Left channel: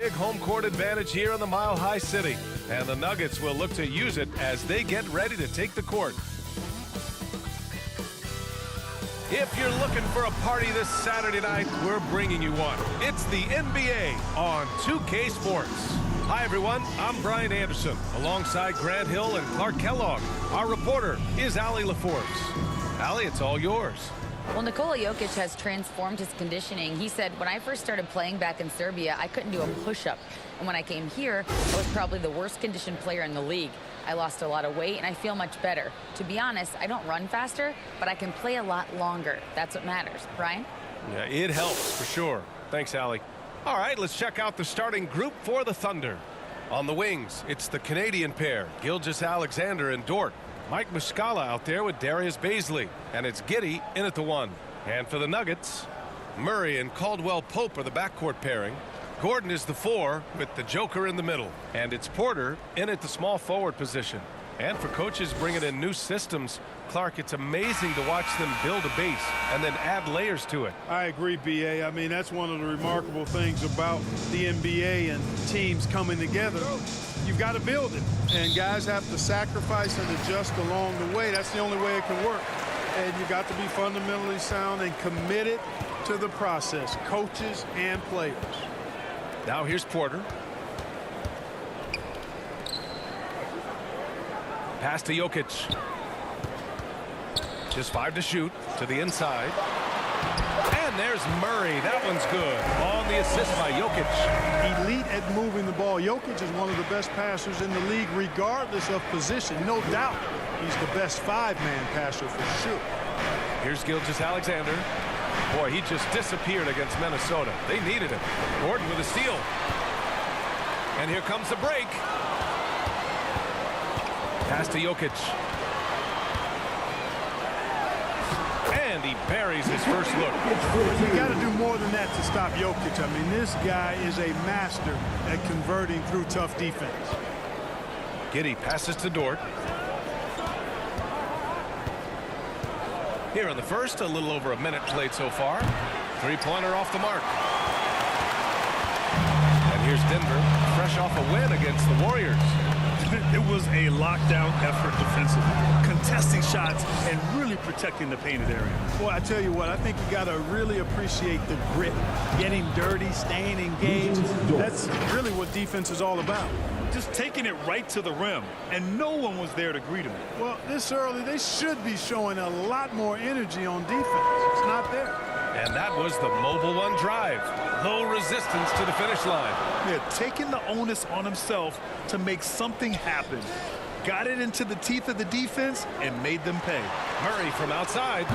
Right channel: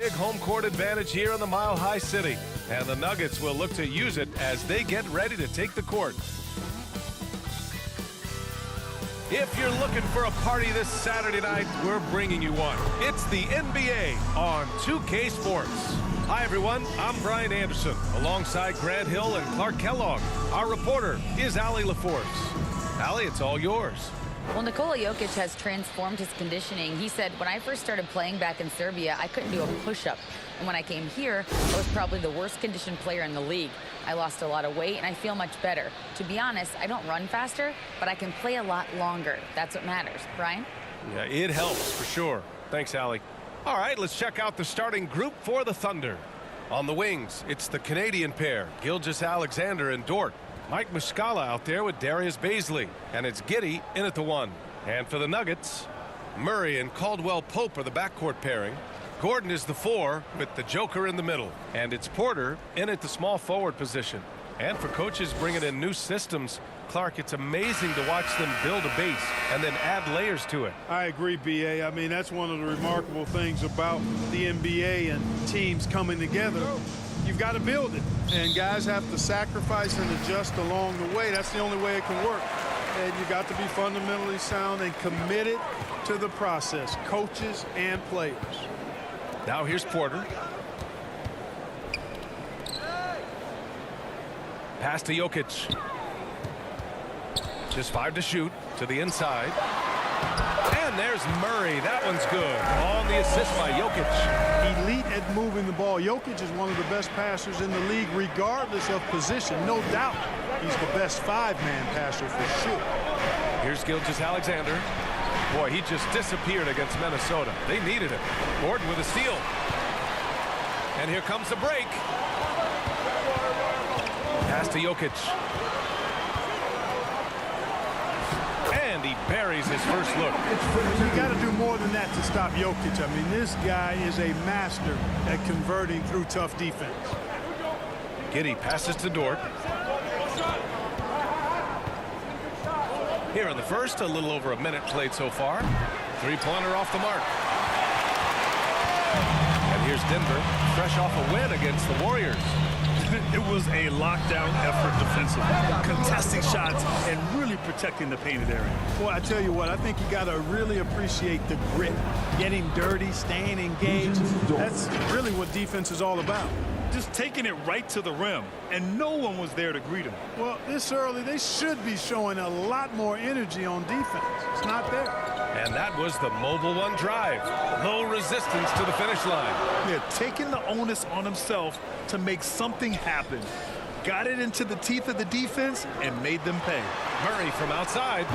Big home court advantage here in the Mile High City, and the Nuggets will look to use it as they get ready to take the court. If you're looking for a party this Saturday night, we're bringing you one. It's the NBA on 2K Sports. Hi, everyone. I'm Brian Anderson, alongside Grant Hill and Clark Kellogg. Our reporter is Allie LaForce. Allie, it's all yours. Well, Nikola Jokic has transformed his conditioning. He said, when I first started playing back in Serbia, I couldn't do a push-up. And when I came here, I was probably the worst conditioned player in the league. I lost a lot of weight, and I feel much better. To be honest, I don't run faster, but I can play a lot longer. That's what matters. Brian? Yeah, it helps for sure. Thanks, Allie. All right, let's check out the starting group for the Thunder. On the wings, it's the Canadian pair, Gilgeous-Alexander and Dort. Mike Muscala out there with Darius Bazley, and it's Giddey in at the 1. And for the Nuggets, Murray and Caldwell Pope are the backcourt pairing. Gordon is the 4 with the Joker in the middle, and it's Porter in at the small forward position. And for coaches bringing in new systems, Clark, it's amazing to watch them build a base and then add layers to it. I agree, B.A. I mean, that's one of the remarkable things about the NBA and teams coming together. You've got to build it, and guys have to sacrifice and adjust along the way. That's the only way it can work. And you've got to be fundamentally sound and committed to the process, coaches and players. Now here's Porter. Pass to Jokic. Just 5 to shoot to the inside. And there's Murray. That one's good. On the assist by Jokic. Elite at moving the ball. Jokic is one of the best passers in the league, regardless of position. No doubt he's the best 5-man passer for sure. Here's Gilgeous-Alexander. Boy, he just disappeared against Minnesota. They needed him. Gordon with a steal. And here comes the break. Pass to Jokic. And he buries his first look. Well, you got to do more than that to stop Jokic. I mean, this guy is a master at converting through tough defense. Giddey passes to Dort. Here in the first, a little over a minute played so far. 3-pointer off the mark. And here's Denver, fresh off a win against the Warriors. It was a lockdown effort defensively, contesting shots and really protecting the painted area. Well, I tell you what, I think you got to really appreciate the grit, getting dirty, staying engaged. That's really what defense is all about. Just taking it right to the rim, and no one was there to greet him. Well, this early, they should be showing a lot more energy on defense. It's not there. And that was the Mobile One drive. Low resistance to the finish line. Yeah, taking the onus on himself to make something happen. Got it into the teeth of the defense and made them pay. Murray from outside.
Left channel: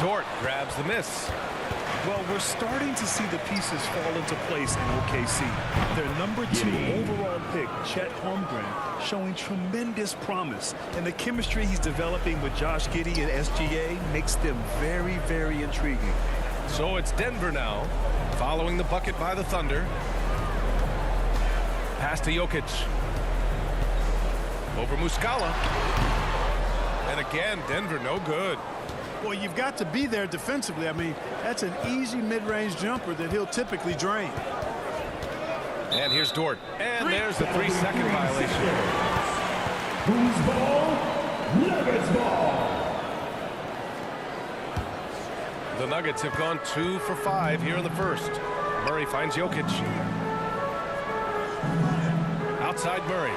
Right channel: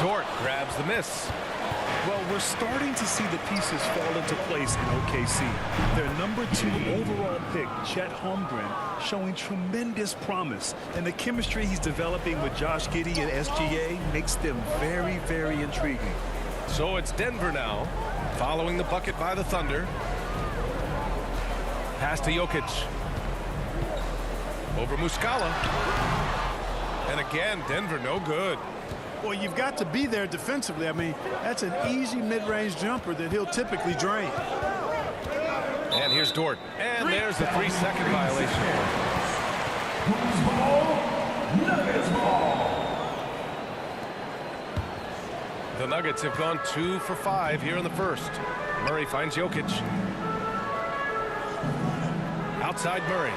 Dort grabs the miss. Well, we're starting to see the pieces fall into place in OKC. Their #2 overall pick, Chet Holmgren, showing tremendous promise. And the chemistry he's developing with Josh Giddey and SGA makes them very, very intriguing. So it's Denver now, following the bucket by the Thunder. Pass to Jokic. Over Muscala. And again, Denver no good. Well, you've got to be there defensively. I mean, that's an easy mid-range jumper that he'll typically drain. And here's Dort. And there's the 3-second violation. Who's ball? Nuggets ball. The Nuggets have gone 2 for 5 here in the first. Murray finds Jokic. Outside Murray.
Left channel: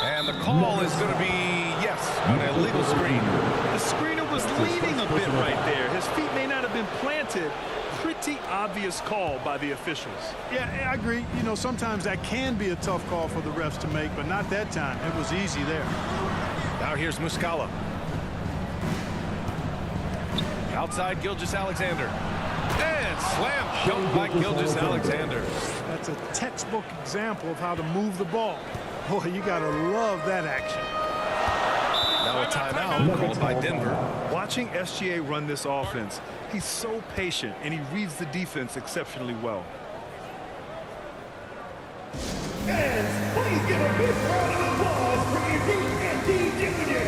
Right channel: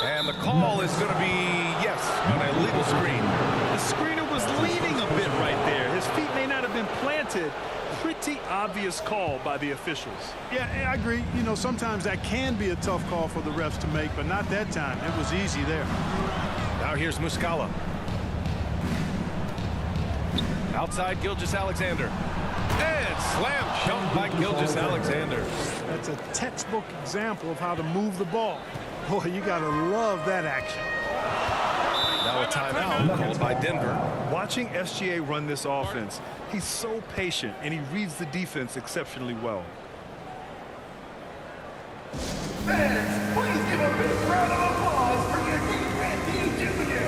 And the call is going to be, yes, an illegal screen. The screener was leaning a bit right there. His feet may not have been planted. Pretty obvious call by the officials. Yeah, I agree. You know, sometimes that can be a tough call for the refs to make, but not that time. It was easy there. Now here's Muscala. Outside Gilgeous-Alexander. And slam dunk by Gilgeous-Alexander. That's a textbook example of how to move the ball. Boy, you got to love that action. Now a timeout called by Denver. Watching SGA run this offense, he's so patient and he reads the defense exceptionally well. Fans, please give a big round of applause for Andy Jr.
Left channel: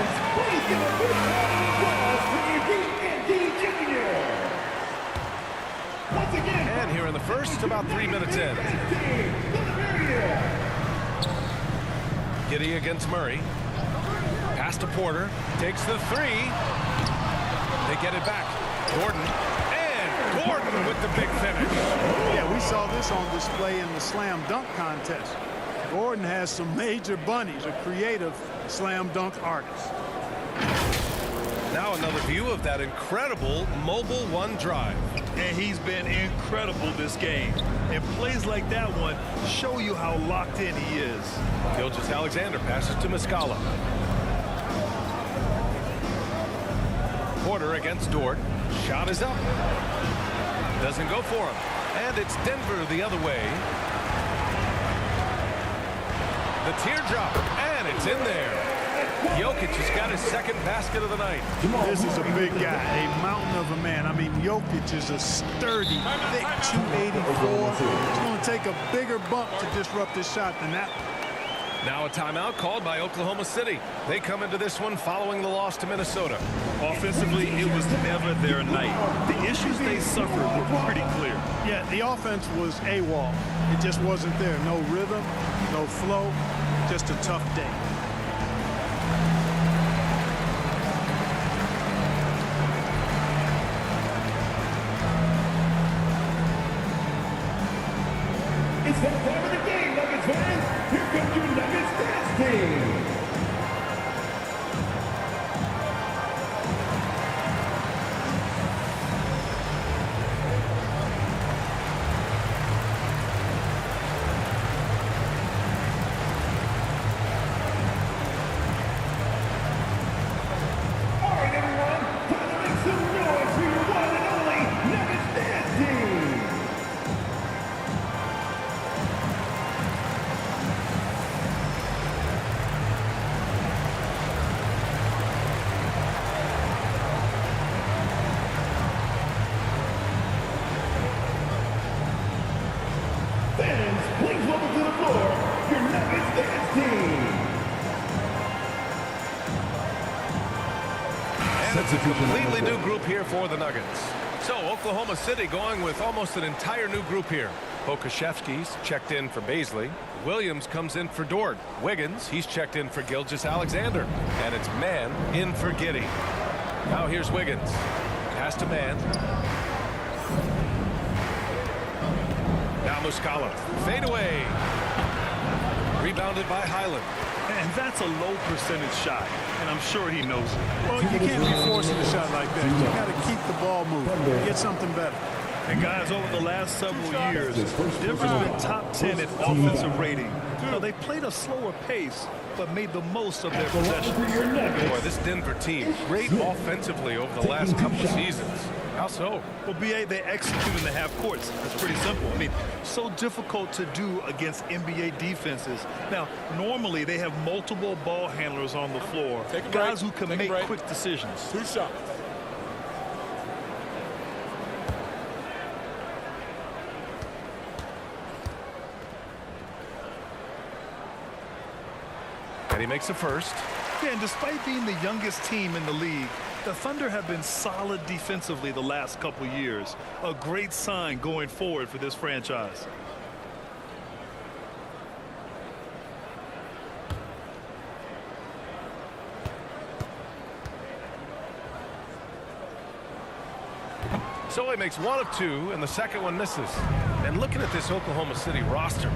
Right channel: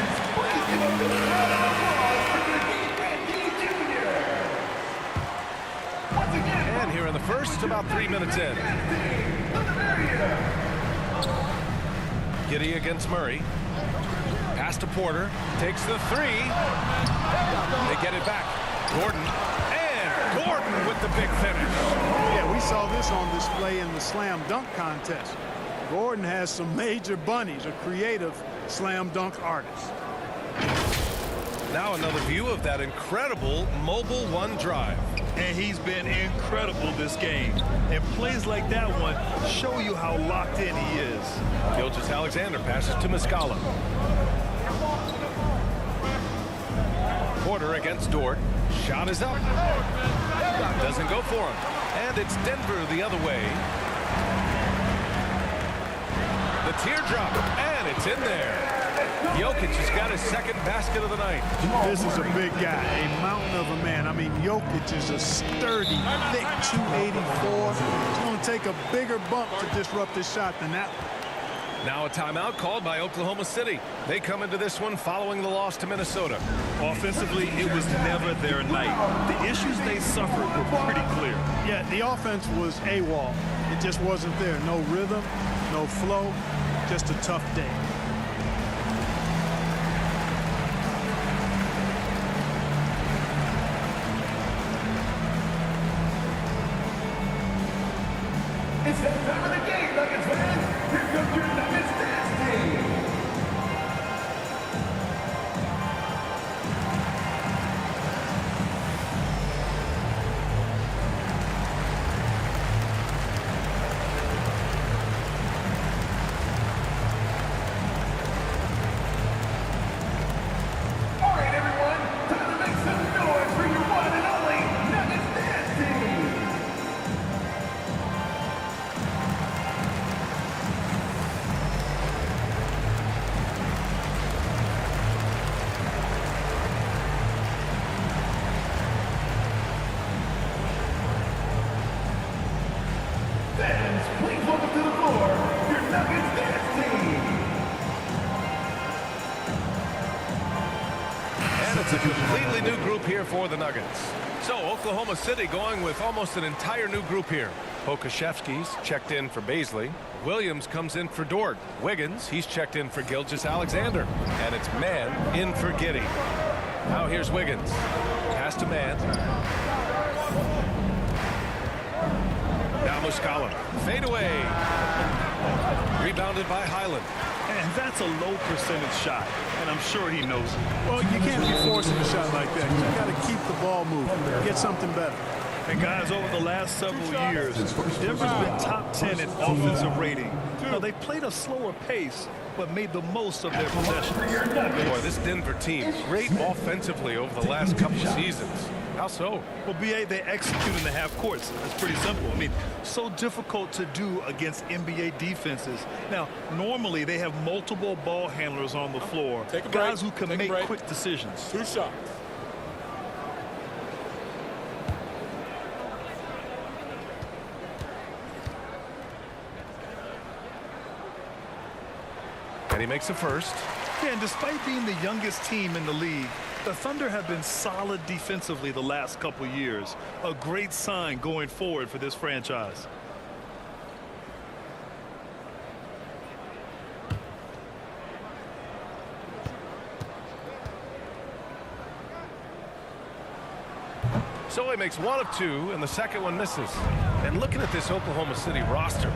Fans, please give a big round of applause for your D&D Jr. Once again, And here in the first, about 3 minutes in. Giddy against Murray. Pass to Porter. Takes the three. They get it back. Gordon. And Gordon with the big finish. Yeah, we saw this on display in the slam dunk contest. Gordon has some major bunnies, a creative slam dunk artist. Now another view of that incredible mobile one drive. And he's been incredible this game. And plays like that one show you how locked in he is. Gilgeous-Alexander passes to Muscala. Porter against Dort. Shot is up. Doesn't go for him. And it's Denver the other way. The teardrop, and it's in there. Jokic has got his second basket of the night. This is a big guy, a mountain of a man. I mean, Jokic is a sturdy, thick 284. It's going to take a bigger bump to disrupt his shot than that one. Now a timeout called by Oklahoma City. They come into this one following the loss to Minnesota. Offensively, it was never their night. The issues they suffered were pretty clear. Yeah, the offense was AWOL. It just wasn't there. No rhythm, no flow, just a tough day. It's that time of the game, Nuggets fans. Here comes your Nuggets dance team. All right, everyone. Time to make some noise for your one and only Nuggets dance team. Fans, please welcome to the floor your Nuggets dance team. And it's a completely new group here for the Nuggets. So Oklahoma City going with almost an entire new group here. Pokashevsky's checked in for Baisley. Williams comes in for Dort. Wiggins, he's checked in for Gilgeous-Alexander. And it's Mann in for Giddy. Now here's Wiggins. Pass to Mann. Now Muscala. Fade away. Rebounded by Highland. And that's a low percentage shot. And I'm sure he knows it. Well, you can't be forcing a shot like that. You got to keep the ball moving, get something better. And guys, over the last several years, Denver's been top 10 in offensive rating. Now, they played a slower pace, but made the most of their possession. Boy, this Denver team, great offensively over the last couple of seasons. How so? Well, BA, they execute in the half courts. That's pretty simple. I mean, so difficult to do against NBA defenses. Now, normally they have multiple ball handlers on the floor, guys who can make quick decisions. 2 shots. And he makes a first. Yeah, and despite being the youngest team in the league, the Thunder have been solid defensively the last couple years. A great sign going forward for this franchise. So he makes 1 of 2, and the second one misses. And looking at this Oklahoma City roster,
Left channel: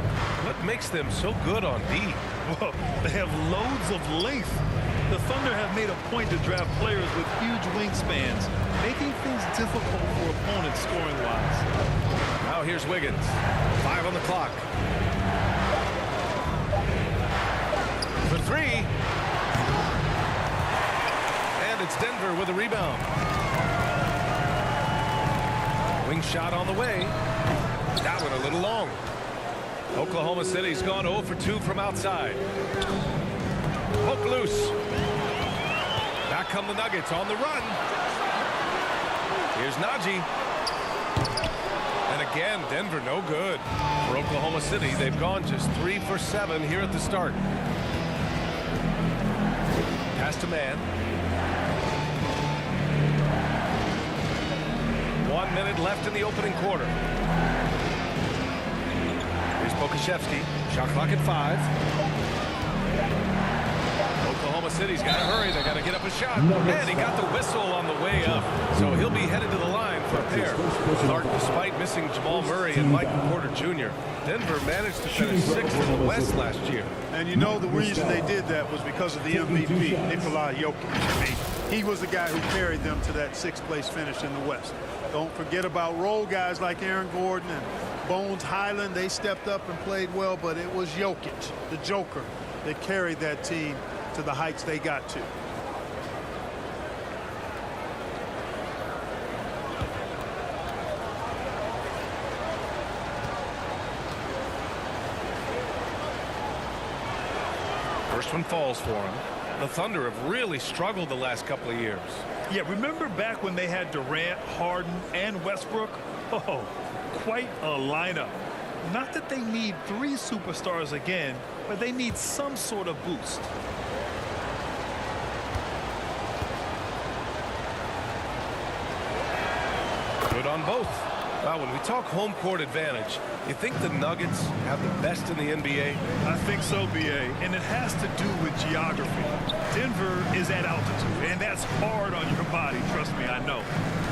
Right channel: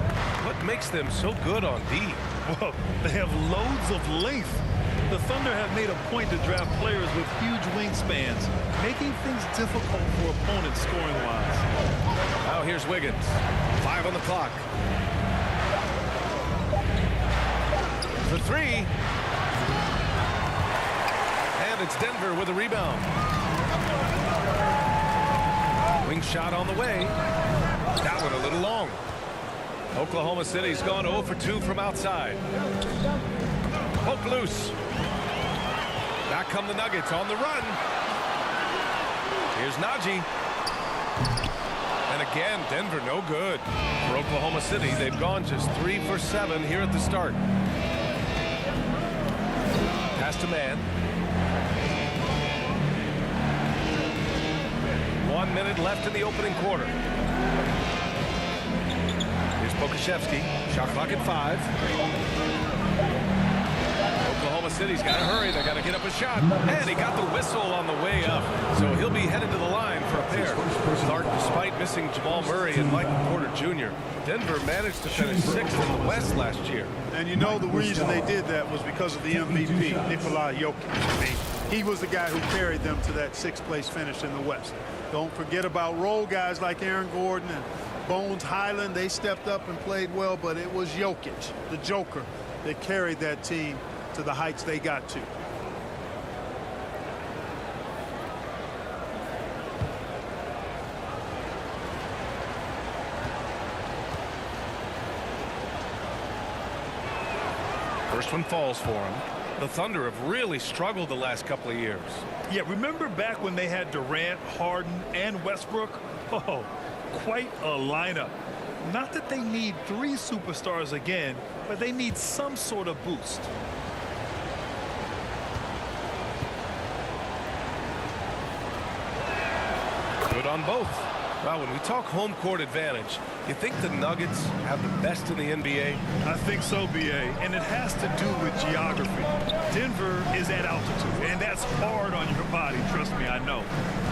what makes them so good on D? Well, they have loads of length. The Thunder have made a point to draft players with huge wingspans, making things difficult for opponents scoring-wise. Now here's Wiggins. 5 on the clock. For 3. And it's Denver with a rebound. Wing shot on the way. That one a little long. Oklahoma City's gone 0 for 2 from outside. Poke loose. Back come the Nuggets on the run. Here's Najee. And again, Denver no good. For Oklahoma City, they've gone just 3 for 7 here at the start. Pass to man. 1 minute left in the opening quarter. Here's Pokashevsky. Shot clock at 5. Oklahoma City's got to hurry. They got to get up a shot. And he got the whistle on the way up. So he'll be headed to the line for a pair. Clark, despite missing Jamal Murray and Michael Porter Jr., Denver managed to finish 6th in the West last year. And you know the reason they did that was because of the MVP, Nikola Jokic. I mean, he was the guy who carried them to that 6th place finish in the West. Don't forget about role guys like Aaron Gordon and Bones Highland. They stepped up and played well, but it was Jokic, the Joker, that carried that team to the heights they got to. First one falls for him. The Thunder have really struggled the last couple of years. Yeah, remember back when they had Durant, Harden, and Westbrook? Oh, quite a lineup. Not that they need 3 superstars again, but they need some sort of boost. Good on both. Well, when we talk home court advantage, you think the Nuggets have the best in the NBA? I think so, B.A., and it has to do with geography. Denver is at altitude, and that's hard on your body, trust me, I know.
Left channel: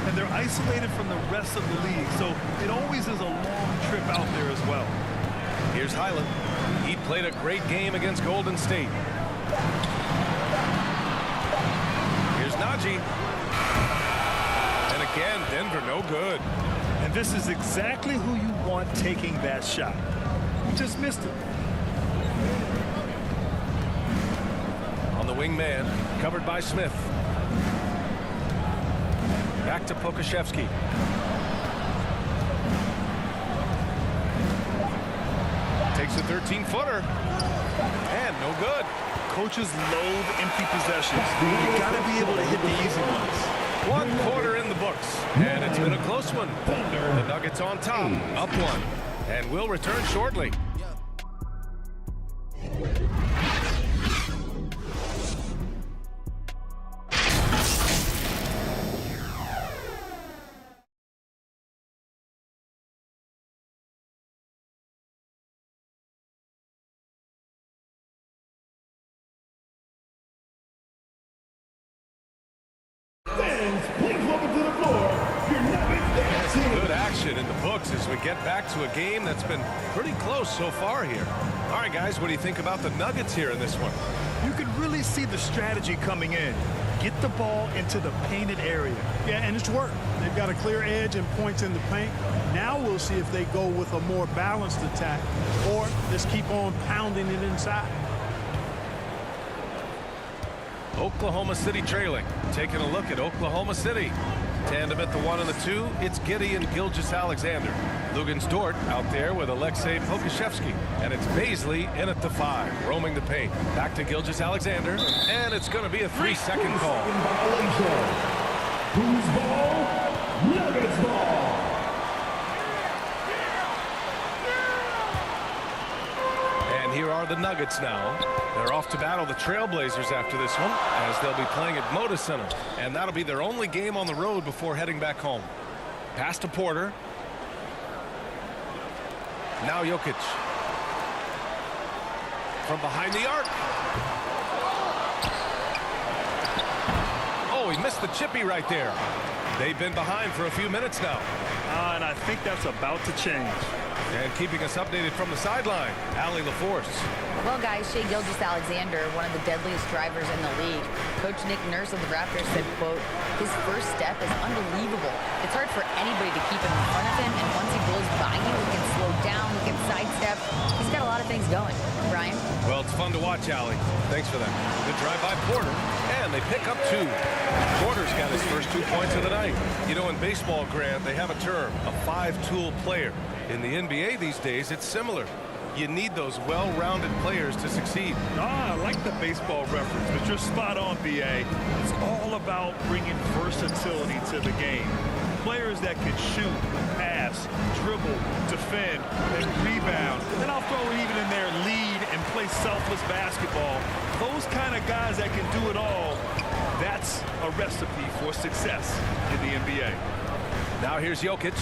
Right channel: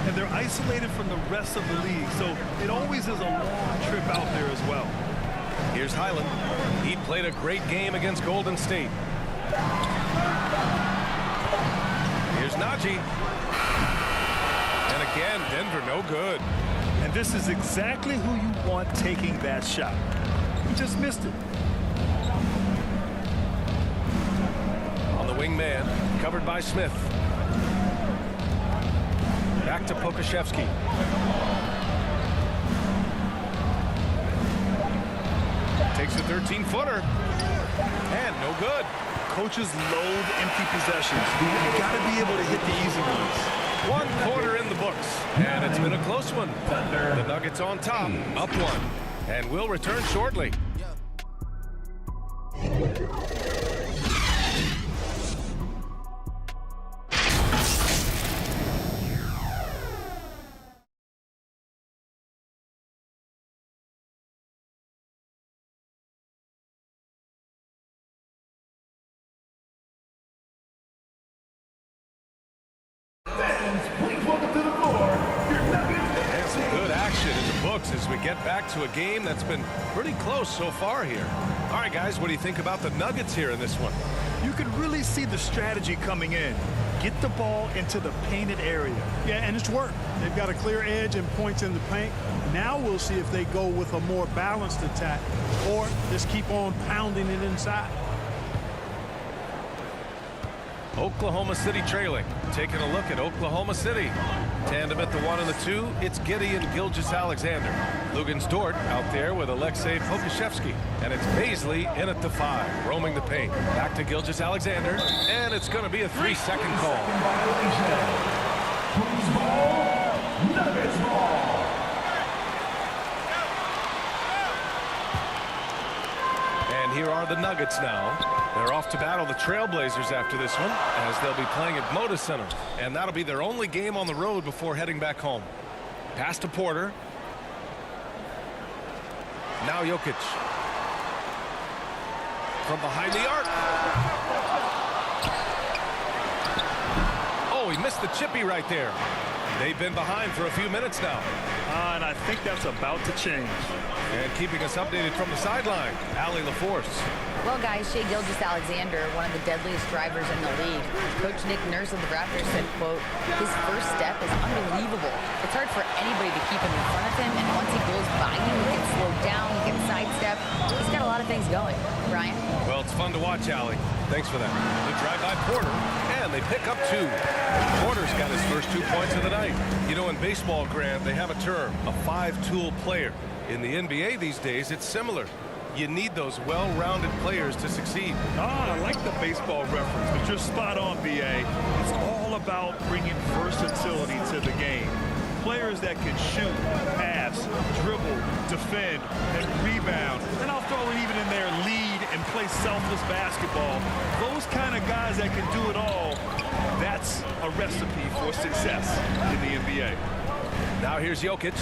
And they're isolated from the rest of the league, so it always is a long trip out there as well. Here's Highland. He played a great game against Golden State. Here's Najee. And again, Denver no good. And this is exactly who you want taking that shot. He just missed it. On the wing man, covered by Smith. Back to Pokashevsky. Takes a 13-footer. And no good. Coaches loathe empty possessions. You got to be able to hit the easy ones. 1 quarter in the books, and it's been a close one. The Nuggets on top, up 1, and we'll return shortly. Fans, please welcome to the floor your Nuggets. Some good action in the books as we get back to a game that's been pretty close so far here. All right, guys, what do you think about the Nuggets here in this one? You can really see the strategy coming in. Get the ball into the painted area. Yeah, and it's worked. They've got a clear edge and points in the paint. Now we'll see if they go with a more balanced attack or just keep on pounding it inside. Oklahoma City trailing. Taking a look at Oklahoma City. Tandem at the 1 and the 2. It's Giddey and Gilgeous-Alexander. Lugens Dort out there with Alexei Pokashevsky. And it's Baisley in at the 5, roaming the paint. Back to Gilgeous-Alexander. And it's going to be a 3-second call. Violation. Whose ball? Nuggets ball. And here are the Nuggets now. They're off to battle the Trailblazers after this one, as they'll be playing at Moda Center. And that'll be their only game on the road before heading back home. Pass to Porter. Now Jokic. From behind the arc. Oh, he missed the chippy right there. They've been behind for a few minutes now. And I think that's about to change. And keeping us updated from the sideline, Allie LaForce. Well, guys, Shai Gilgeous-Alexander, one of the deadliest drivers in the league. Coach Nick Nurse of the Raptors said, quote, his first step is unbelievable. It's hard for anybody to keep him in front of him, and once he blows by you, he can slow down, he can sidestep. He's got a lot of things going. Brian? Well, it's fun to watch, Allie. Thanks for that. The drive by Porter, and they pick up 2. Porter's got his first 2 points of the night. You know, in baseball, Grant, they have a term, a 5-tool player. In the NBA these days, it's similar. You need those well-rounded players to succeed. I like the baseball reference, but you're spot on, B.A. It's all about bringing versatility to the game. Players that can shoot, pass, dribble, defend, and rebound. And I'll throw it even in there, lead and play selfless basketball. Those kind of guys that can do it all, that's a recipe for success in the NBA. Now here's Jokic.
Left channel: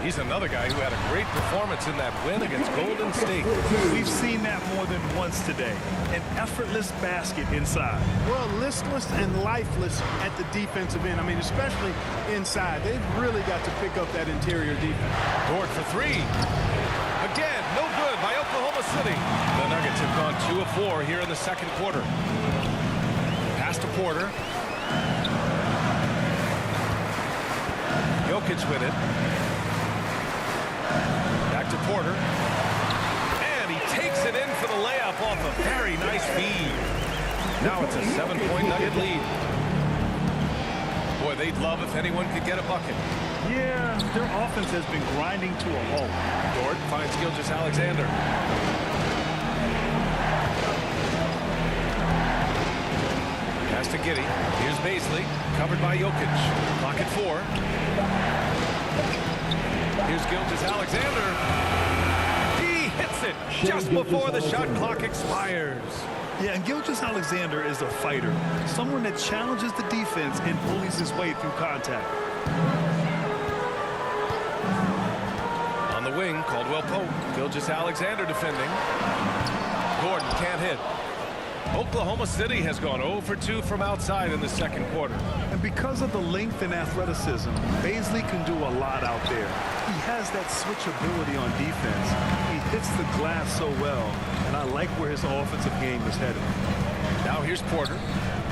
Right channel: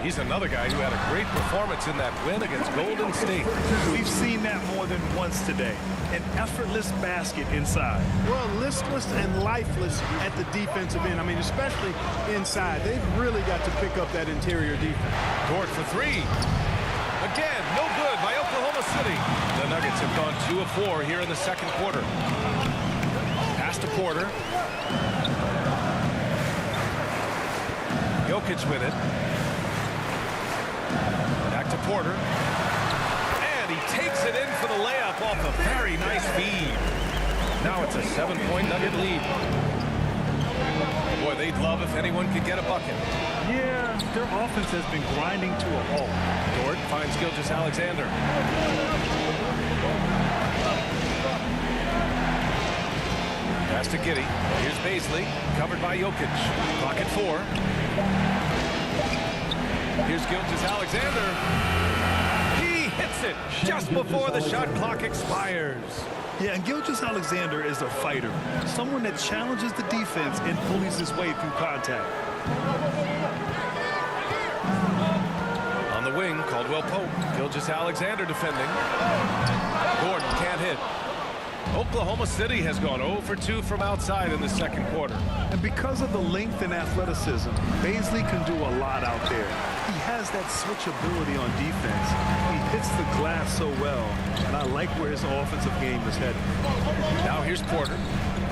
He's another guy who had a great performance in that win against Golden State. We've seen that more than once today. An effortless basket inside. Well, listless and lifeless at the defensive end. I mean, especially inside. They've really got to pick up that interior defense. Dort for three. Again, no good by Oklahoma City. The Nuggets have gone 2 of 4 here in the second quarter. Pass to Porter. Jokic with it. Back to Porter. And he takes it in for the layup off a very nice feed. Now it's a 7-point Nugget lead. Boy, they'd love if anyone could get a bucket. Yeah, their offense has been grinding to a halt. Dort finds Gilgeous-Alexander. Pass to Giddey. Here's Baisley, covered by Jokic. Clock at 4. Here's Gilgeous-Alexander. He hits it just before the shot clock expires. Yeah, and Gilgeous-Alexander is a fighter. Someone that challenges the defense and bullies his way through contact. On the wing, Caldwell Pope. Gilgeous-Alexander defending. Gordon can't hit. Oklahoma City has gone 0 for 2 from outside in the second quarter. And because of the length and athleticism, Baisley can do a lot out there. He has that switchability on defense. He hits the glass so well, and I like where his offensive game is headed. Now here's Porter.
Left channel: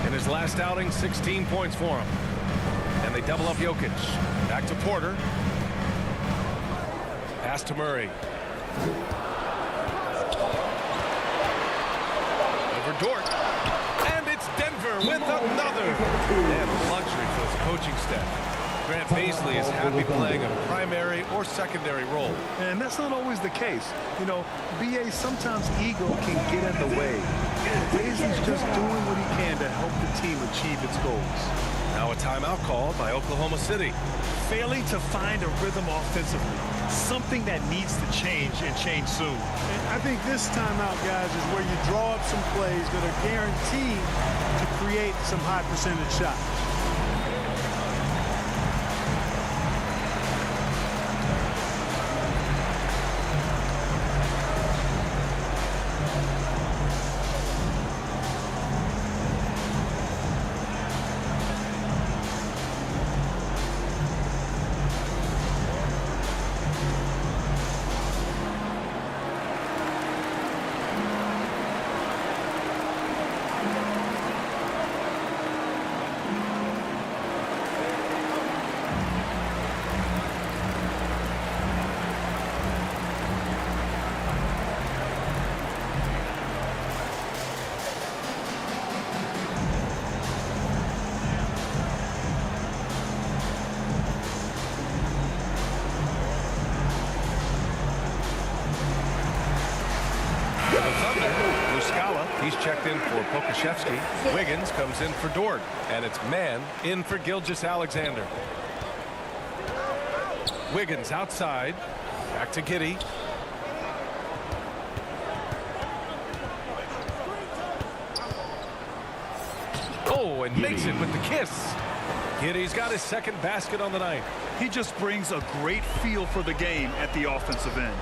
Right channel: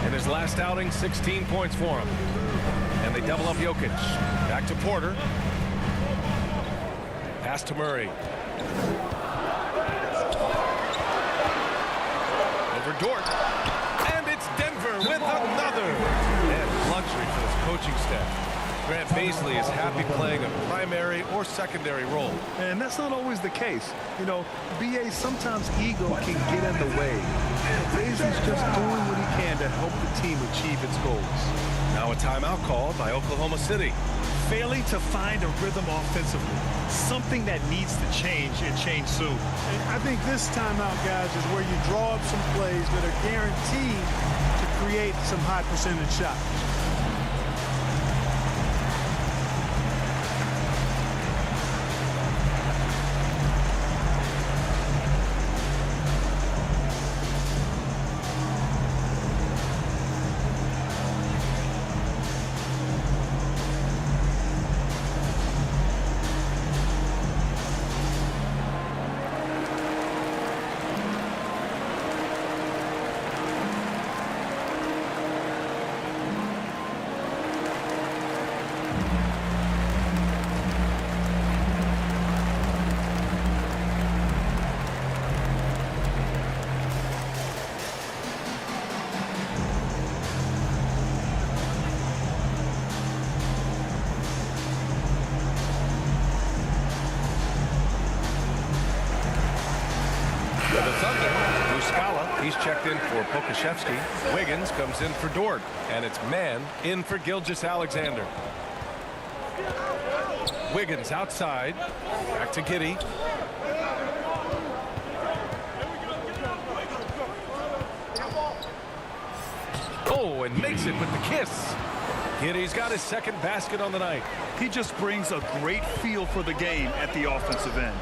In his last outing, 16 points for him. And they double up Jokic. Back to Porter. Pass to Murray. Over Dort. And it's Denver with another. And luxury for this coaching staff. Grant Baisley is happy playing a primary or secondary role. And that's not always the case. You know, BA, sometimes ego can get in the way. But Baisley's just doing what he can to help the team achieve its goals. Now a timeout called by Oklahoma City. Failing to find a rhythm offensively. Something that needs to change and change soon. And I think this timeout, guys, is where you draw up some plays that are guaranteed to create some high percentage shots. For the Thunder, Muscala, he's checked in for Pokashevsky. Wiggins comes in for Dort. And it's man in for Gilgeous-Alexander. Wiggins outside. Back to Giddey. Oh, and makes it with the kiss. Giddey's got his second basket on the night. He just brings a great feel for the game at the offensive end.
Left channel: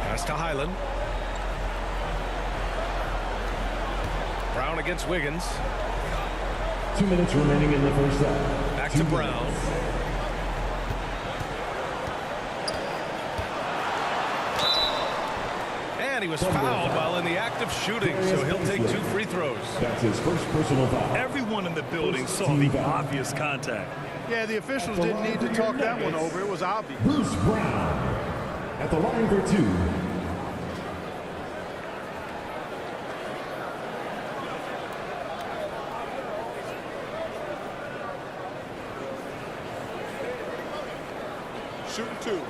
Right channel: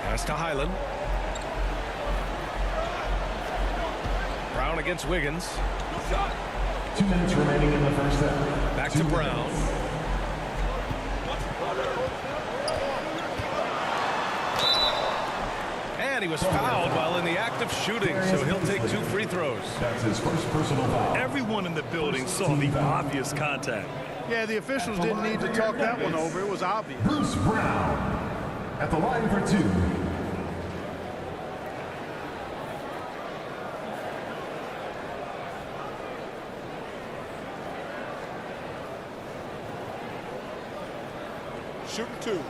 Pass to Highland. Brown against Wiggins. 2 minutes remaining in the first half. Back to Brown. And he was fouled while in the act of shooting, so he'll take 2 free throws. That's his first personal foul. Everyone in the building saw the obvious contact. Yeah, the officials didn't need to talk that one over. It was obvious. Bruce Brown at the line for 2. Shooting 2.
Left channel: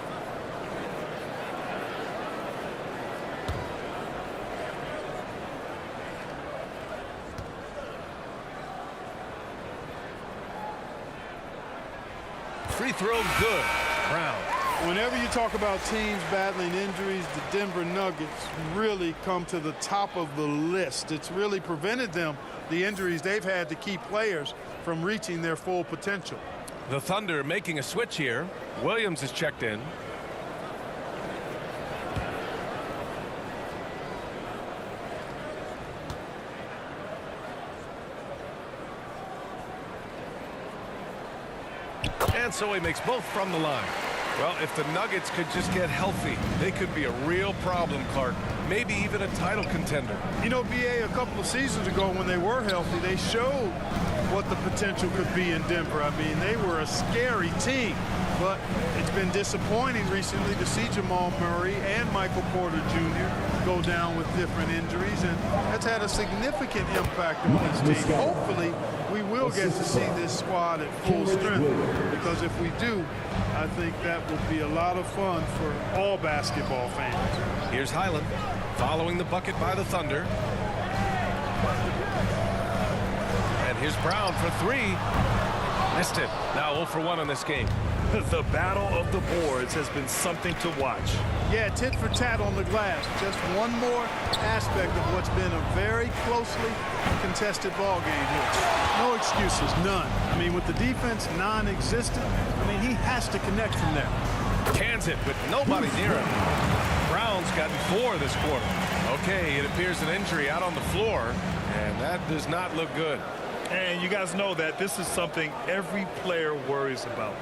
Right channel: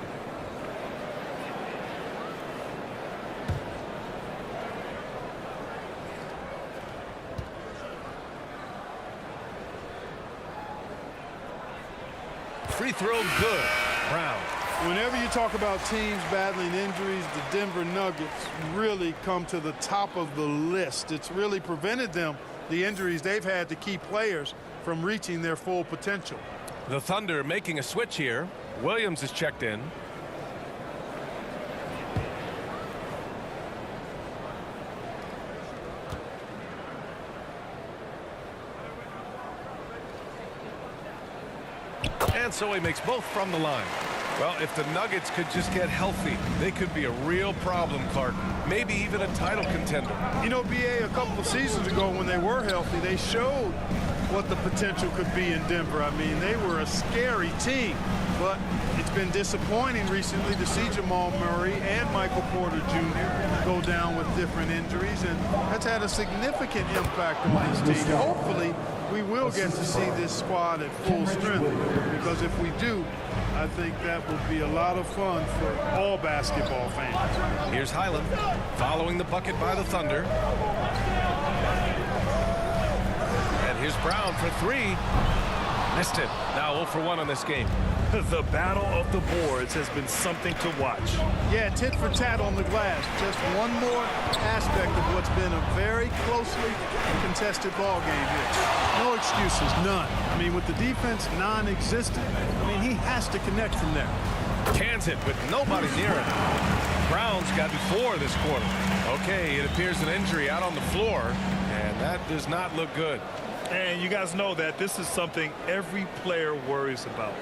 Free throw good. Brown. Whenever you talk about teams battling injuries, the Denver Nuggets really come to the top of the list. It's really prevented them, the injuries they've had, to key players from reaching their full potential. The Thunder making a switch here. Williams is checked in. And so he makes both from the line. Well, if the Nuggets could just get healthy, they could be a real problem, Clark. Maybe even a title contender. You know, B.A., a couple of seasons ago when they were healthy, they showed what the potential could be in Denver. I mean, they were a scary team, but it's been disappointing recently to see Jamal Murray and Michael Porter Jr. go down with different injuries, and that's had a significant impact on this team. Hopefully, we will get to see this squad at full strength, because if we do, I think that will be a lot of fun for all basketball fans. Here's Highland following the bucket by the Thunder. And here's Brown for three. Missed it. Now 0 for 1 on this game. The battle of the boards has been something to watch. Yeah, tit for tat on the glass. Just one more aspect of what's been a very closely contested ball game here. No excuses, none. I mean, with the defense non-existent, I mean, he has to connect from there. Cans it with nobody near it. Brown's gotten 4 this quarter. Okay, it appears an injury out on the floor, and that does not look good. And you guys know that this is something every player worries about,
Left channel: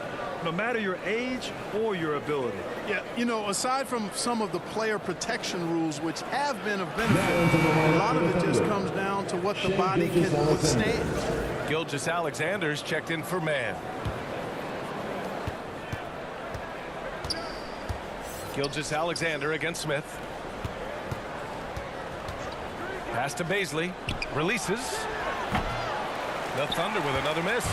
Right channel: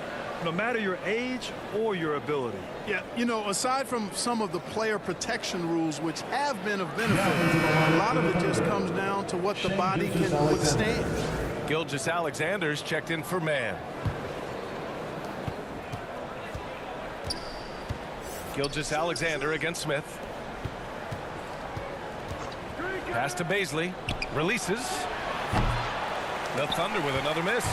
no matter your age or your ability. Yeah, you know, aside from some of the player protection rules, which have been of benefit, a lot of it just comes down to what the body can withstand. Gilgeous-Alexander's checked in for man. Gilgeous-Alexander against Smith. Pass to Baisley. Releases. The Thunder with another miss.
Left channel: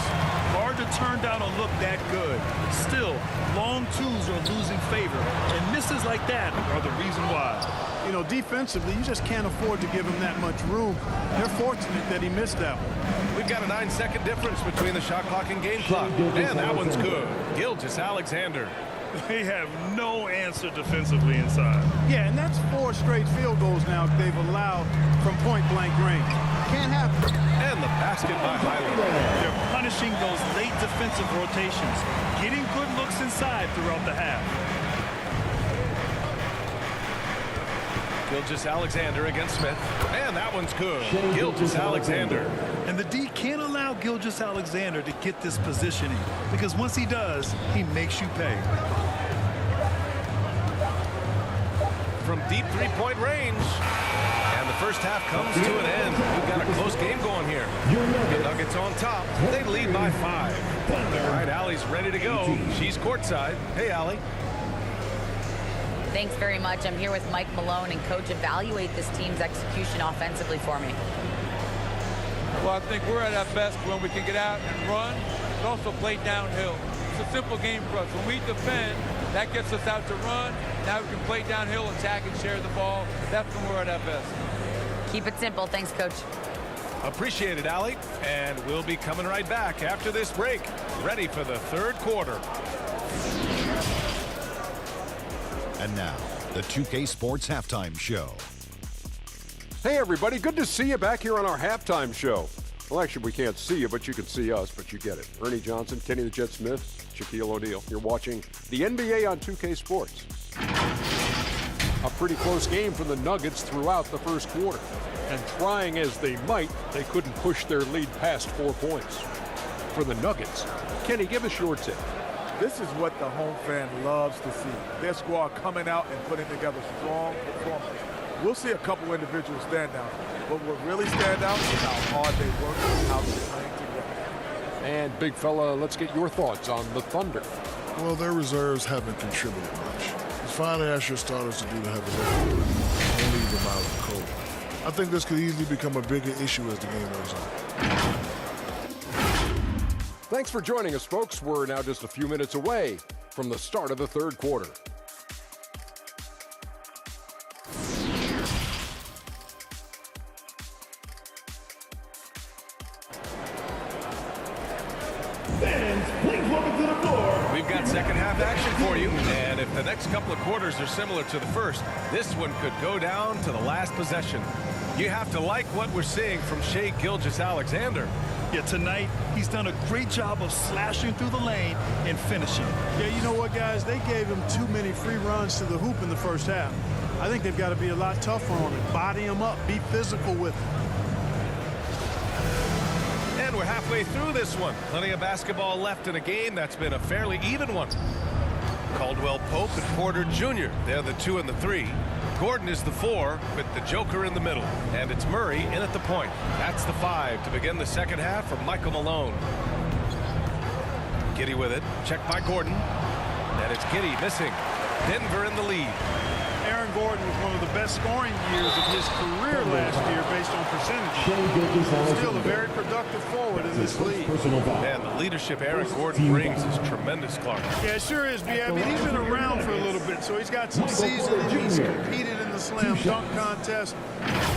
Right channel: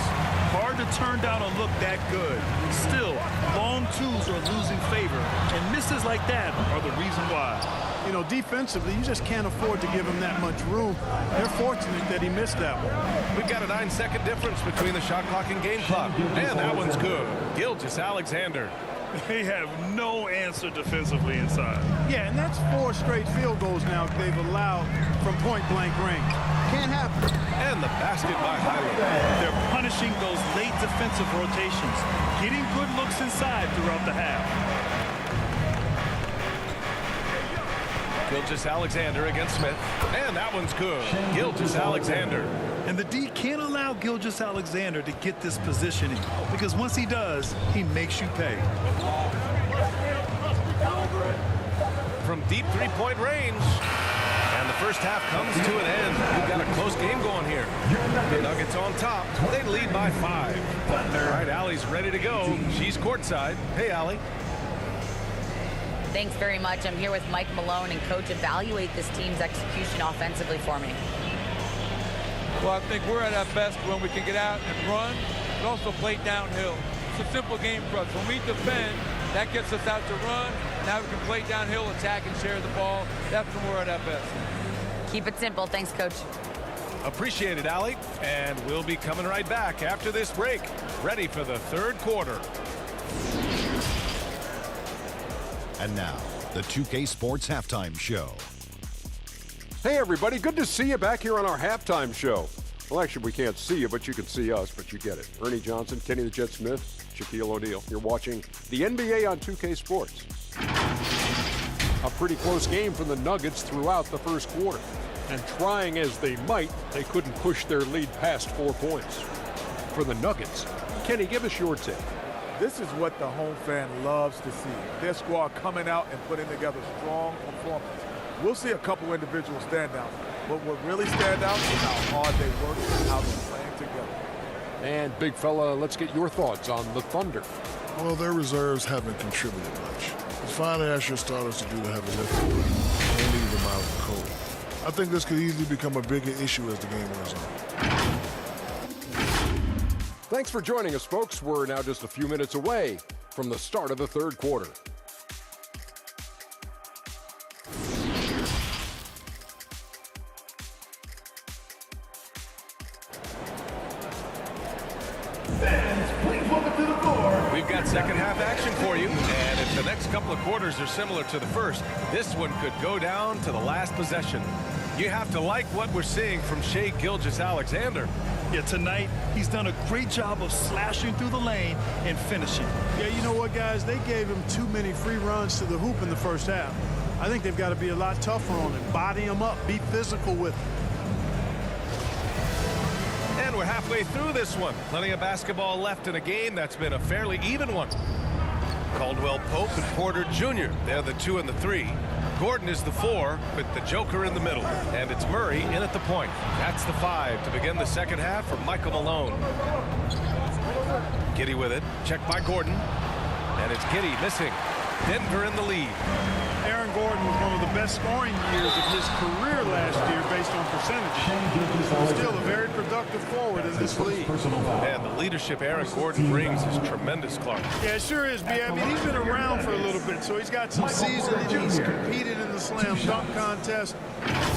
Hard to turn down a look that good. Still, long twos are losing favor, and misses like that are the reason why. You know, defensively, you just can't afford to give him that much room. They're fortunate that he missed that one. We've got a 9-second difference between the shot clock and game clock. And that one's good. Gilgeous-Alexander. They have no answer defensively inside. Yeah, and that's 4 straight field goals now they've allowed from point-blank range. Can't happen. And the basket by Highland. They're punishing those late defensive rotations, getting good looks inside throughout the half. Gilgeous-Alexander against Smith. And that one's good. Gilgeous-Alexander. And the D can't allow Gilgeous-Alexander to get this positioning, because once he does, he makes you pay. From deep three-point range. And the first half comes to an end. We've got a close game going here. The Nuggets on top. They lead by 5. All right, Allie's ready to go. She's courtside. Hey, Allie. Thanks very much. I'm here with Mike Malone, and Coach, evaluate this team's execution offensively for me. Well, I think we're at our best when we can get out and run, but also play downhill. It's a simple game for us. When we defend, that gets us out to run. Now we can play downhill, attack, and share the ball. That's when we're at our best. Keep it simple. Thanks, Coach. Appreciate it, Allie. And we'll be coming right back after this break. Ready for the third quarter. And now, the 2K Sports Halftime Show. Hey, everybody. Good to see you back here on our halftime show. Well, actually, we can't see you, but you can see us, but you get it. Ernie Johnson, Kenny the Jet Smith, Shaquille O'Neal. You're watching the NBA on 2K Sports. A pretty close game for the Nuggets throughout the first quarter. And trying as they might, they couldn't push their lead past 4 points. For the Nuggets, Kenny, give us your take. This is what the home fan loves to see. Their squad coming out and putting together strong performance. We'll see a couple individual standouts, but what really stand out is how hard they work and how they're playing together. And big fella, let's get your thoughts on the Thunder. Well, their reserves haven't contributed much. It's fine to ask your starters to do the heavy lifting, but don't leave them out in the cold. I think this could easily become a bigger issue as the game wears on. Thanks for joining us, folks. We're now just a few minutes away from the start of the third quarter. Fans, please welcome to the floor We've got second half action for you, and if the next couple of quarters are similar to the first, this one could go down to the last possession. You have to like what we're seeing from Shai Gilgeous-Alexander. Yeah, tonight he's done a great job of slashing through the lane and finishing. Yeah, you know what, guys? They gave him too many free runs to the hoop in the first half. I think they've got to be a lot tougher on him. Body him up. Be physical with him. And we're halfway through this one. Plenty of basketball left in a game that's been a fairly even one. Caldwell Pope and Porter Jr. They're the 2 and the 3. Gordon is the 4 with the Joker in the middle. And it's Murray in at the point. That's the 5 to begin the second half for Michael Malone. Giddey with it. Checked by Gordon. And it's Giddey missing. Denver in the lead. Aaron Gordon was one of the best scoring years of his career last year based on percentages. Still a very productive forward in this league. Man, the leadership Aaron Gordon brings is tremendous, Clark. Yeah, it sure is, B. I mean, he's been around for a little bit, so he's got some seasoning. He's competed in the slam dunk contest.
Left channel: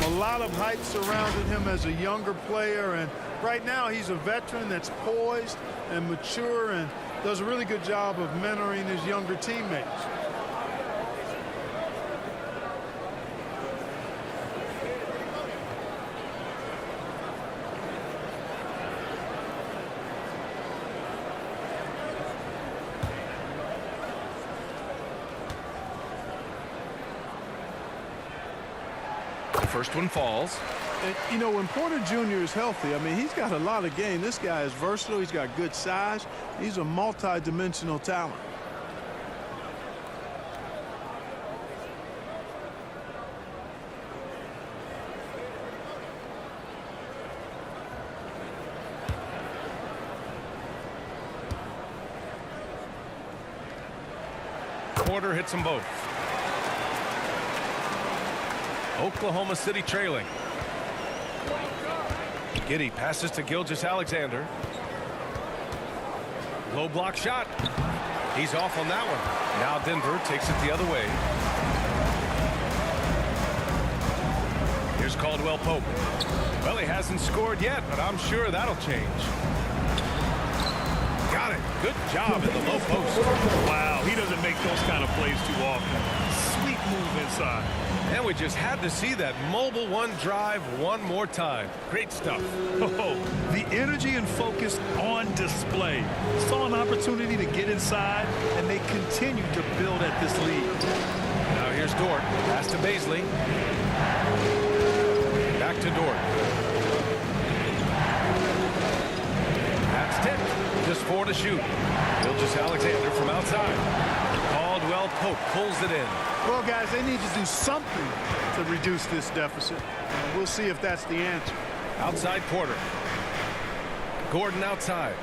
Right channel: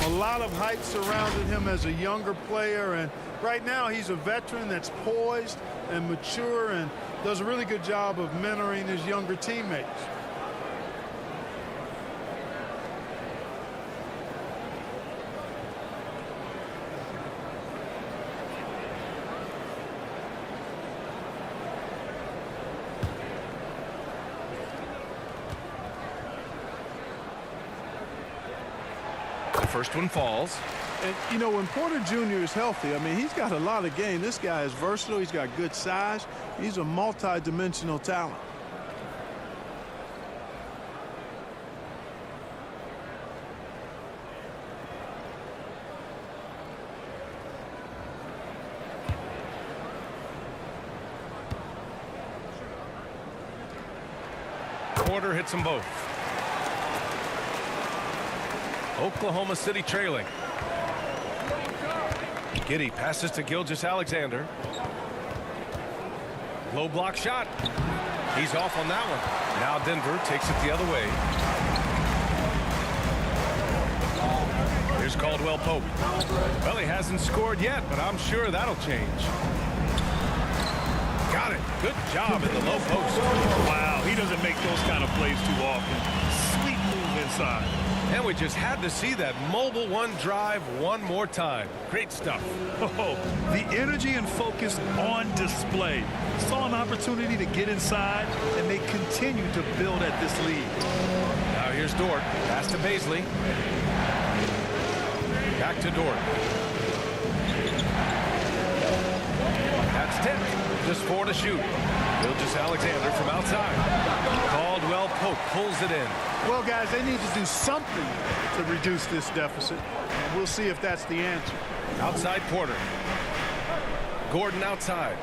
A lot of hype surrounded him as a younger player, and right now he's a veteran that's poised and mature and does a really good job of mentoring his younger teammates. First one falls. And, you know, when Porter Jr. is healthy, I mean, he's got a lot of game. This guy is versatile. He's got good size. He's a multi-dimensional talent. Porter hits them both. Oklahoma City trailing. Giddey passes to Gilgeous-Alexander. Low block shot. He's off on that one. Now Denver takes it the other way. Here's Caldwell Pope. Well, he hasn't scored yet, but I'm sure that'll change. Got it. Good job in the low post. Wow, he doesn't make those kind of plays too often. Sweet move inside. And we just had to see that mobile one drive one more time. Great stuff. Oh, the energy and focus on display. Saw an opportunity to get inside, and they continue to build at this lead. Now here's Dort. Pass to Baisley. Back to Dort. That's 10. Just 4 to shoot. Gilgeous-Alexander from outside. Caldwell Pope pulls it in. Well, guys, they need to do something to reduce this deficit. We'll see if that's the answer. Outside Porter. Gordon outside.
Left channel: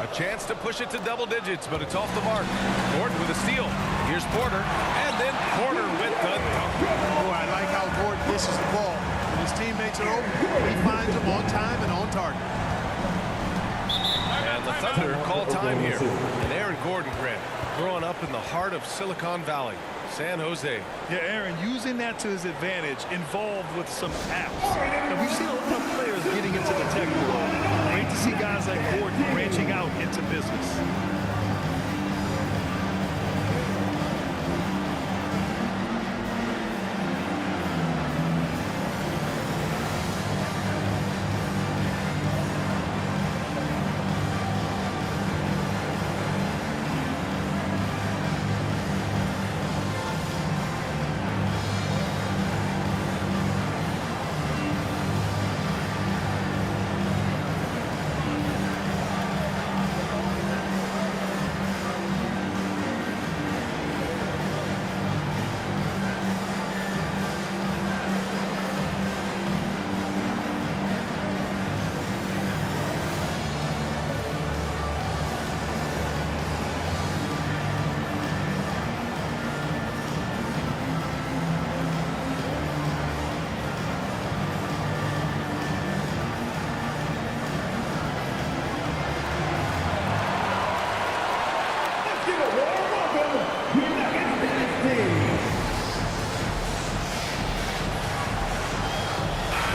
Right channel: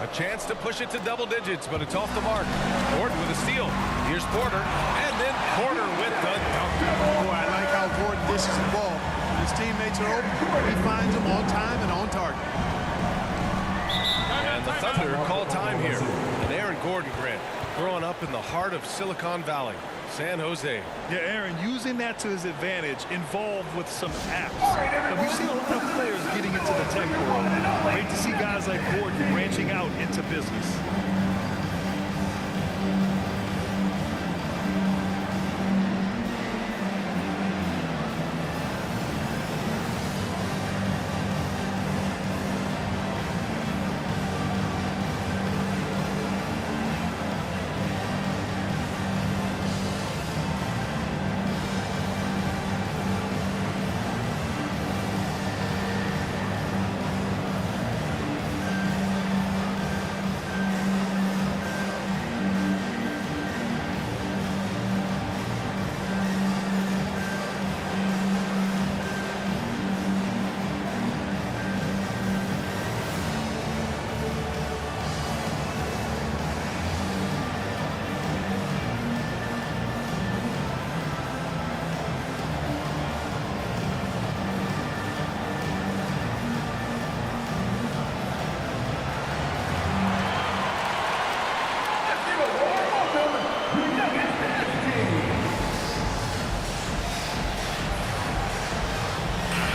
A chance to push it to double digits, but it's off the mark. Gordon with a steal. Here's Porter, and then Porter with the dunk. Boy, I like how Gordon dishes the ball. When his teammates are open, he finds them on time and on target. And the Thunder call time here. And Aaron Gordon, Grant, growing up in the heart of Silicon Valley, San Jose. Yeah, Aaron, using that to his advantage, involved with some apps. And we've seen a lot of players getting into the tech world. Great to see guys like Gordon branching out into business.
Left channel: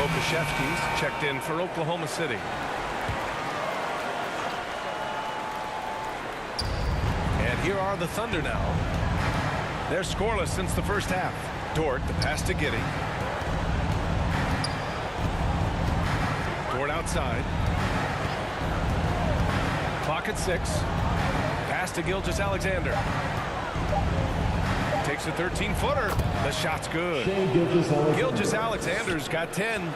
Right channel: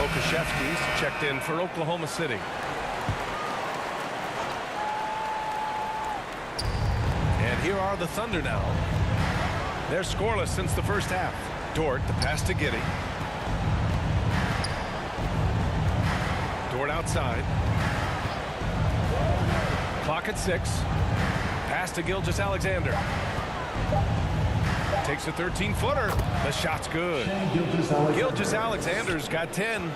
Pokashevsky's checked in for Oklahoma City. And here are the Thunder now. They're scoreless since the first half. Dort, the pass to Giddey. Dort outside. Clock at 6. Pass to Gilgeous-Alexander. Takes a 13-footer. The shot's good. Gilgeous-Alexander's got 10.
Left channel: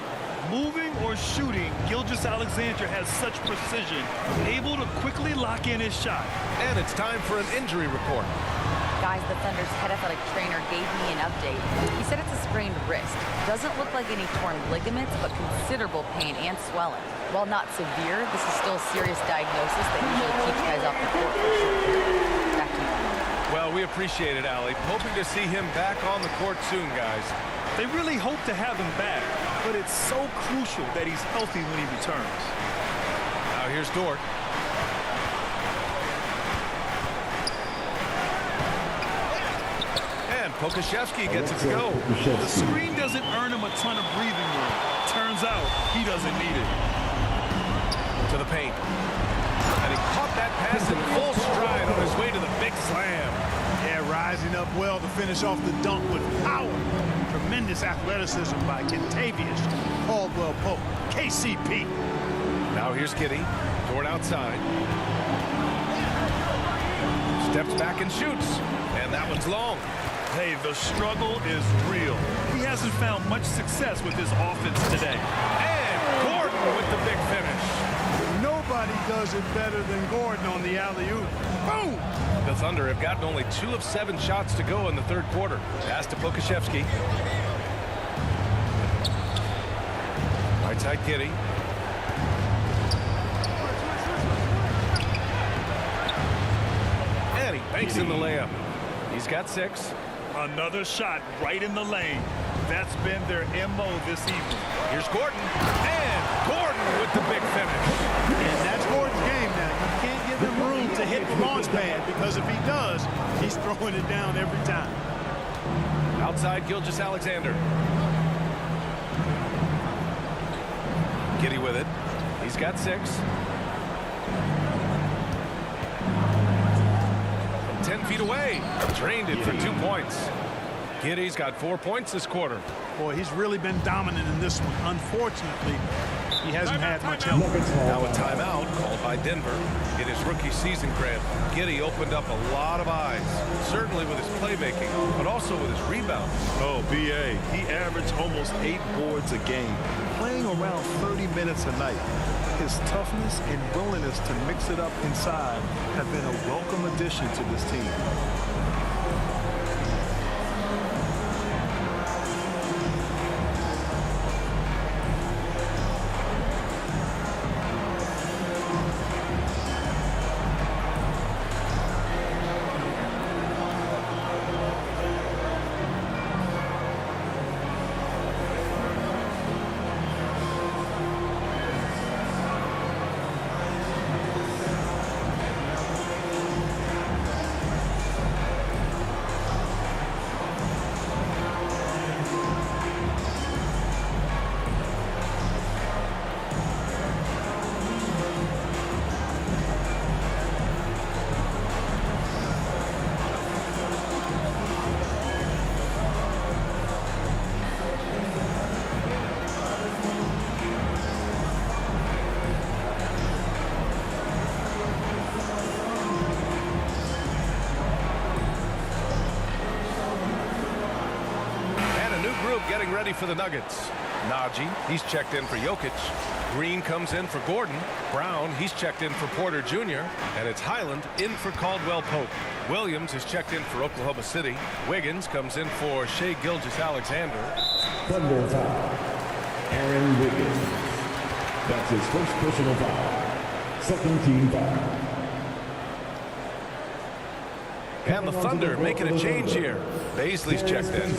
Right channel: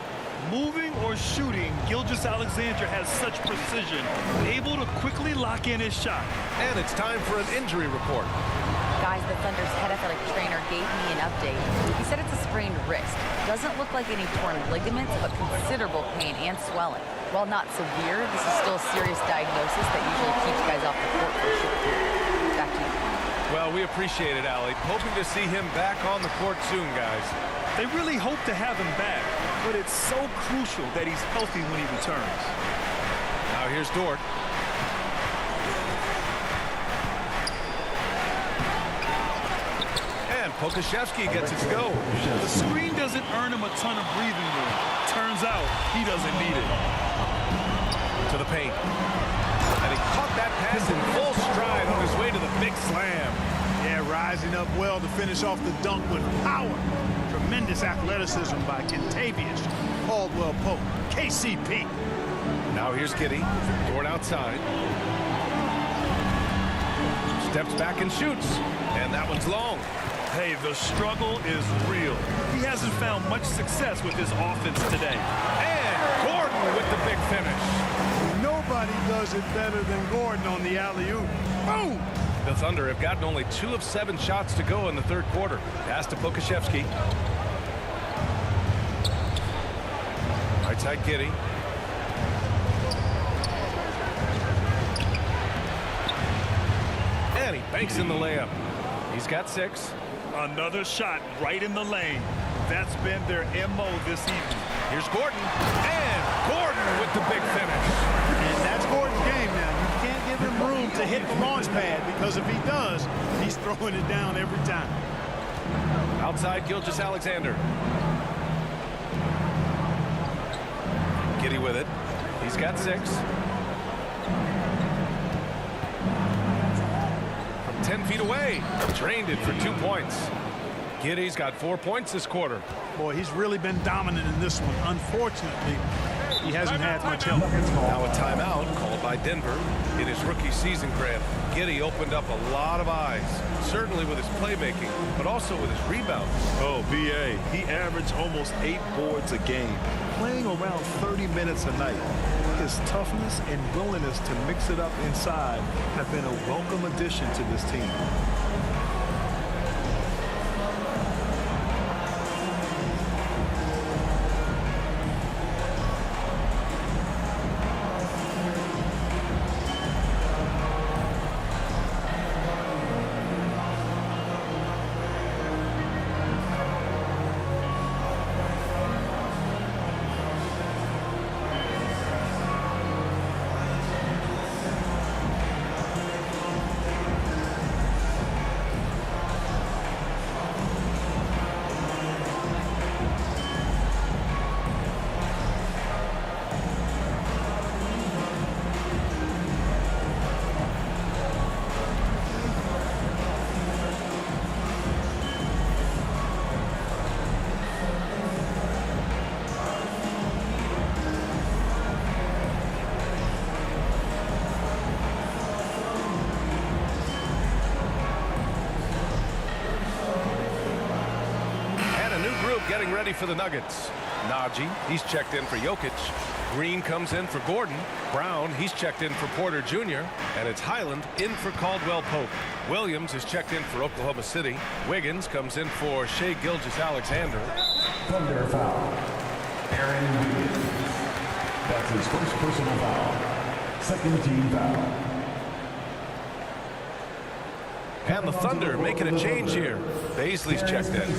Moving or shooting, Gilgeous-Alexander has such precision, able to quickly lock in his shot. And it's time for an injury report. Guys, the Thunder's head athletic trainer gave me an update. He said it's a sprained wrist. Doesn't look like any torn ligaments, but considerable pain and swelling. While not severe, this is still a serious diagnosis that usually keeps guys off the court for a short period. Back to you. Well, we appreciate it, Allie. Hoping to see him back on the court soon, guys. They really hope to have him back, but it's so crucial that he's healthy when he returns. Now here's Dort. And Pokashevsky gets it to go. The screen doesn't earn him a ton of breathing room. Turns out he doesn't need it. To the paint. And he caught that pass in full stride on his way to the big slam. Yeah, rising up well to finish off the dunk with power. Tremendous athleticism by Kentavious Caldwell-Pope, KCP. Now here's Giddey. Dort outside. Steps back and shoots. And that one's long. Hey, the struggle is real. He hasn't found much success with his offense today. And Gordon with the big finish. Nobody does it better than Gordon on the alley-oop. Boom! The Thunder have gotten only 2 of 7 shots to go in the third quarter. Pass to Pokashevsky. Right side Giddey. And he banks in the layup. He's got 6. Another shot right in the lane. That's been their MO this evening. Here's Gordon. And Gordon with the big finish. And that's Gordon's game now. You can't give him room to hit the launch pad, because if he does, he's throwing it down every time. Outside Gilgeous-Alexander. Giddey with it. He's got 6. From 10 feet away. Drained it for 2 points. Giddey's got 4 points this quarter. Boy, he's really been dominant in this one. Unfortunately, he hasn't had much help. Now a timeout called by Denver in his rookie season grab. Giddey opened up a lot of eyes, certainly with his playmaking, but also with his rebounds. Oh, B.A., he averaged almost 8 boards a game, playing around 30 minutes a night. His toughness and willingness to mix it up inside have been a welcome addition to this team. Getting ready for the Nuggets. Najee, he's checked in for Jokic. Green comes in for Gordon. Brown, he's checked in for Porter Jr. And it's Highland in for Caldwell-Pope. Williams is checked in for Oklahoma City. Wiggins comes in for Shai Gilgeous-Alexander. Thunder foul. Aaron Wiggins. That's his first personal foul. Second team foul. And the Thunder making a change here. Baisley's checked in.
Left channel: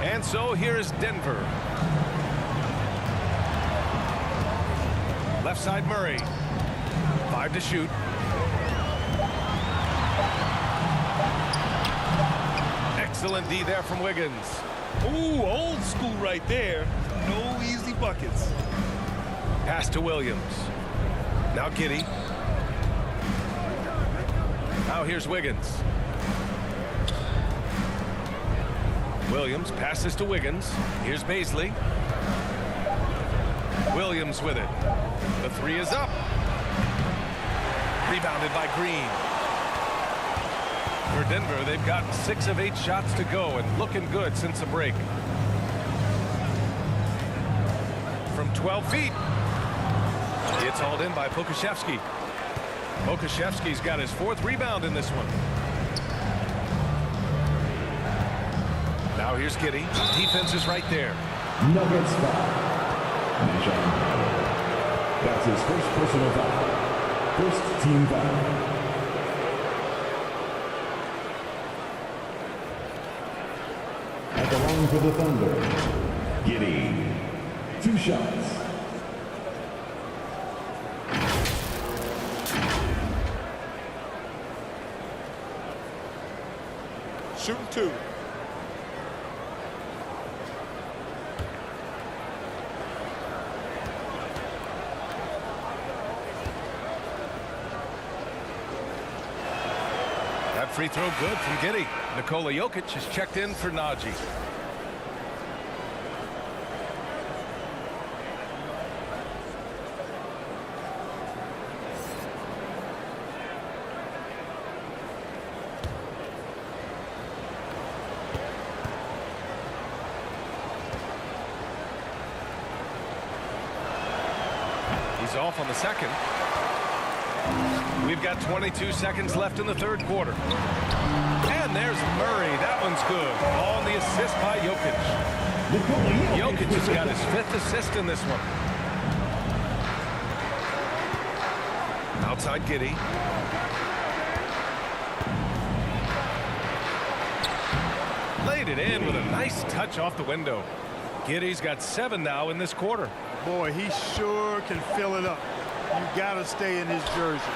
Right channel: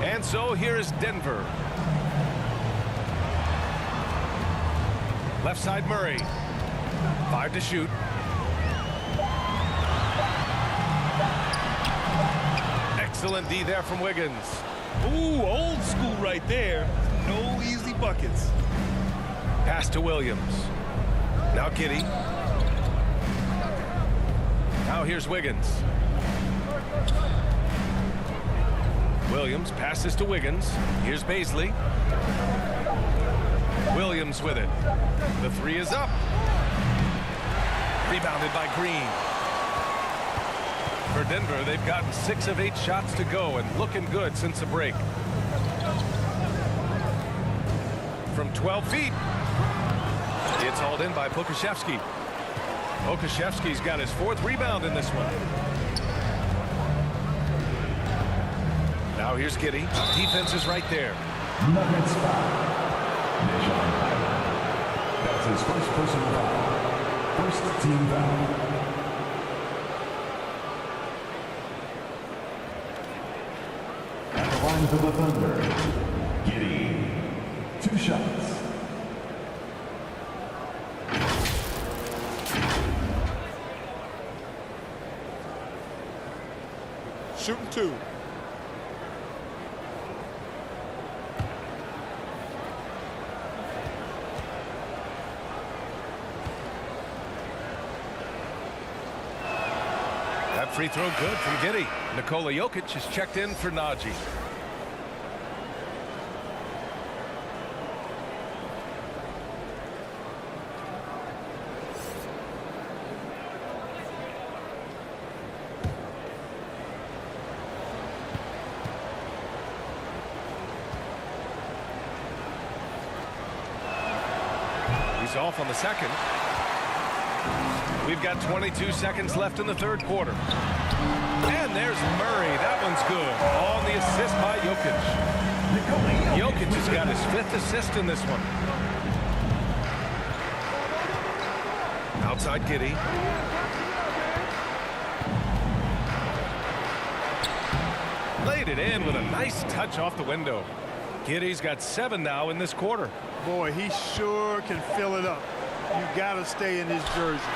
And so here is Denver. Left side Murray. 5 to shoot. Excellent D there from Wiggins. Ooh, old school right there. No easy buckets. Pass to Williams. Now Giddey. Now here's Wiggins. Williams passes to Wiggins. Here's Baisley. Williams with it. The three is up. Rebounded by Green. For Denver, they've gotten 6 of 8 shots to go and looking good since the break. From 12 feet. It's hauled in by Pokusevski. Pokusevski's got his 4th rebound in this one. Now here's Giddey. Defense is right there. Nuggets foul. Najon Howard. That's his first personal foul. First team foul. At the line for the Thunder, Giddey. 2 shots. Shooting 2. That free throw good from Giddey. Nikola Jokic is checked in for Najee. He's off on the second. We've got 22 seconds left in the third quarter. And there's Murray. That one's good. On the assist by Jokic. Jokic has got his 5th assist in this one. Outside Giddey. Laid it in with a nice touch off the window. Giddey's got 7 now in this quarter. Boy, he sure can fill it up. You got to stay in his jersey.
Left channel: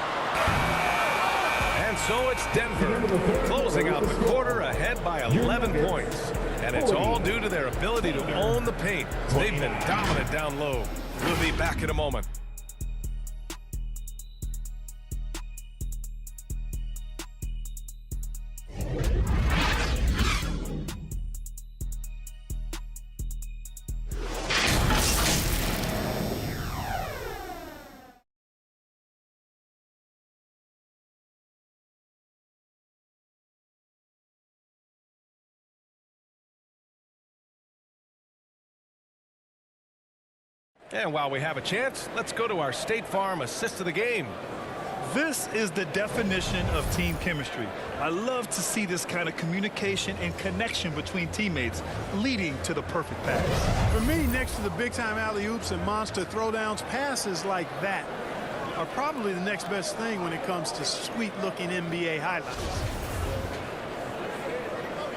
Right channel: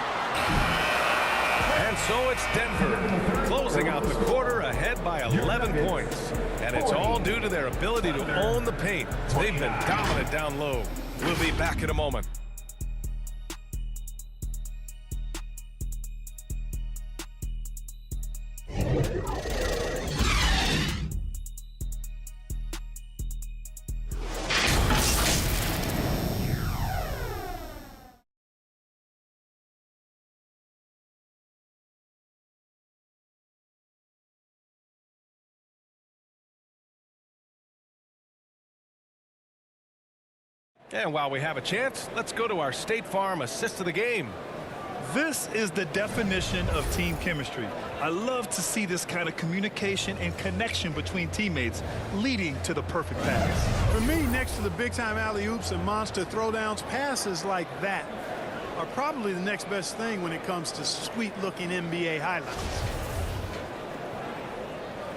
And so it's Denver closing out the quarter ahead by 11 points. And it's all due to their ability to own the paint. They've been dominant down low. We'll be back in a moment. And while we have a chance, let's go to our State Farm assist of the game. This is the definition of team chemistry. I love to see this kind of communication and connection between teammates leading to the perfect pass. For me, next to the big-time alley-oops and monster throwdowns, passes like that are probably the next best thing when it comes to sweet-looking NBA highlights.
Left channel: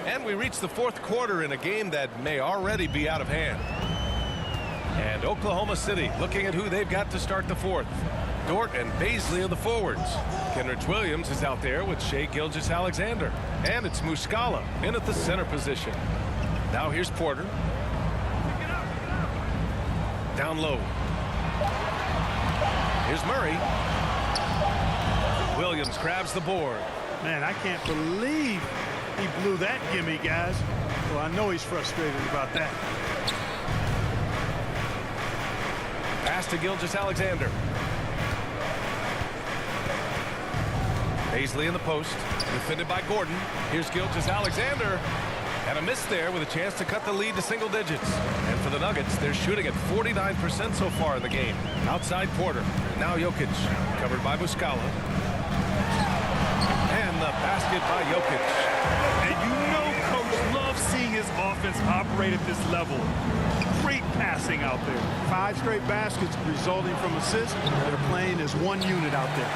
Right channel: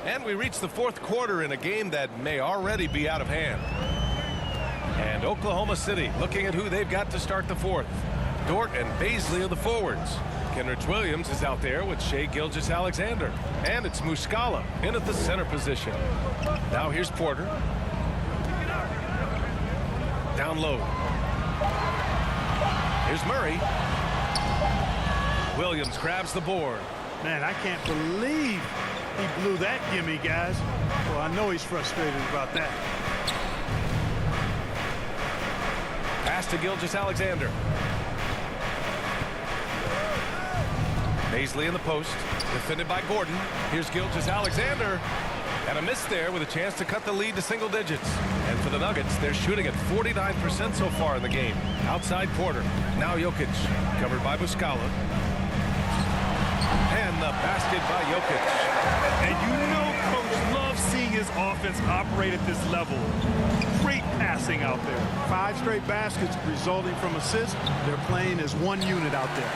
And we reach the fourth quarter in a game that may already be out of hand. And Oklahoma City looking at who they've got to start the fourth. Dort and Baisley are the forwards. Kenrich Williams is out there with Shai Gilgeous-Alexander. And it's Muscala in at the center position. Now here's Porter. Down low. Here's Murray. Williams grabs the board. Man, I can't believe he blew that gimme, guys. Well, I know he's frustrated about that. Pass to Gilgeous-Alexander. Baisley in the post, defended by Gordon. Here's Gilgeous-Alexander. And a miss there with a chance to cut the lead to single digits. And for the Nuggets, they're shooting at 49% so far in the game. Outside Porter. Now Jokic, covered by Muscala. And the basket by Jokic. And you know Coach loves seeing his offense operate at this level. Great passing out there. 5 straight baskets resulting from assists. They're playing as one unit out there.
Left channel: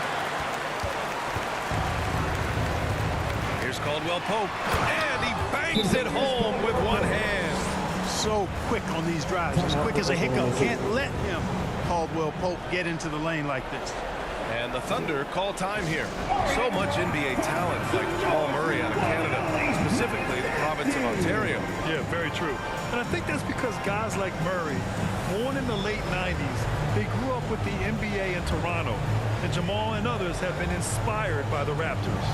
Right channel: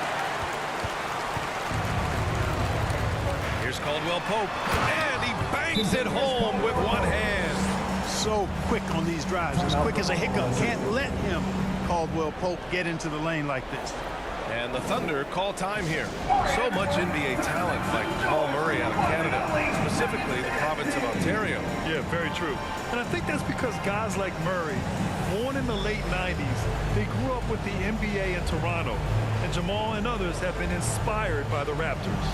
Here's Caldwell Pope. And he bangs it home with one hand. So quick on these drives. As quick as a hiccup. Can't let him, Caldwell Pope, get into the lane like this. And the Thunder call time here. So much NBA talent like Jamal Murray out of Canada, specifically the province of Ontario. Yeah, very true. And I think that's because guys like Murray, born in the late 90s, they grew up with the NBA in Toronto. And Jamal and others have been inspired by the Raptors.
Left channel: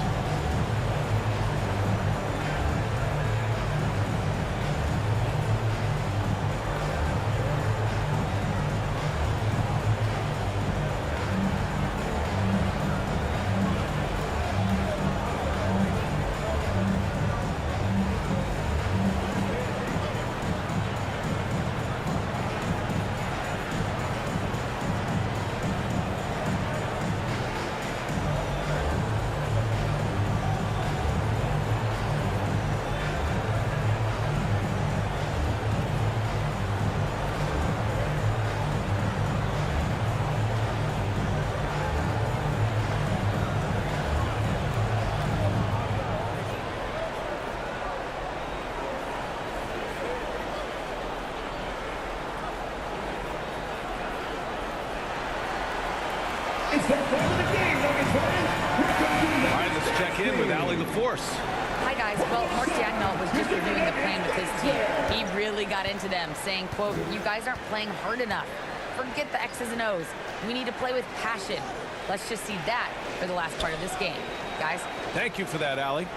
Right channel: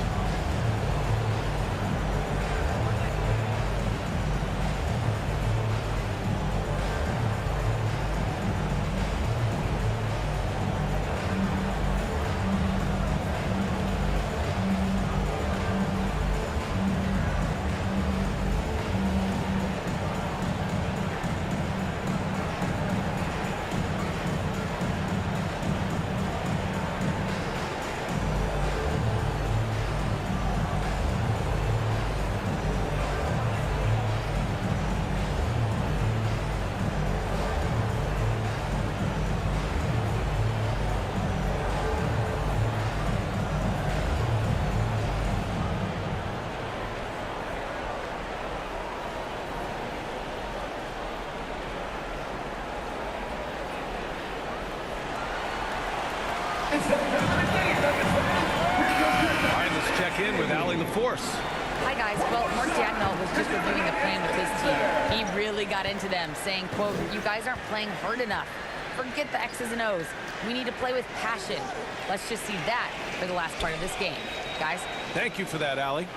It's that time of the game, Nuggets fans. All right, let's check in with Allie LaForce. Hi, guys. Well, Mark Dagnall was just reviewing the plan with his team. He really got into them, saying, quote, "You guys aren't playing hard enough. Forget the X's and O's. We need to play with passion." Let's just see that for the last part of this game. Guys? Thank you for that, Allie.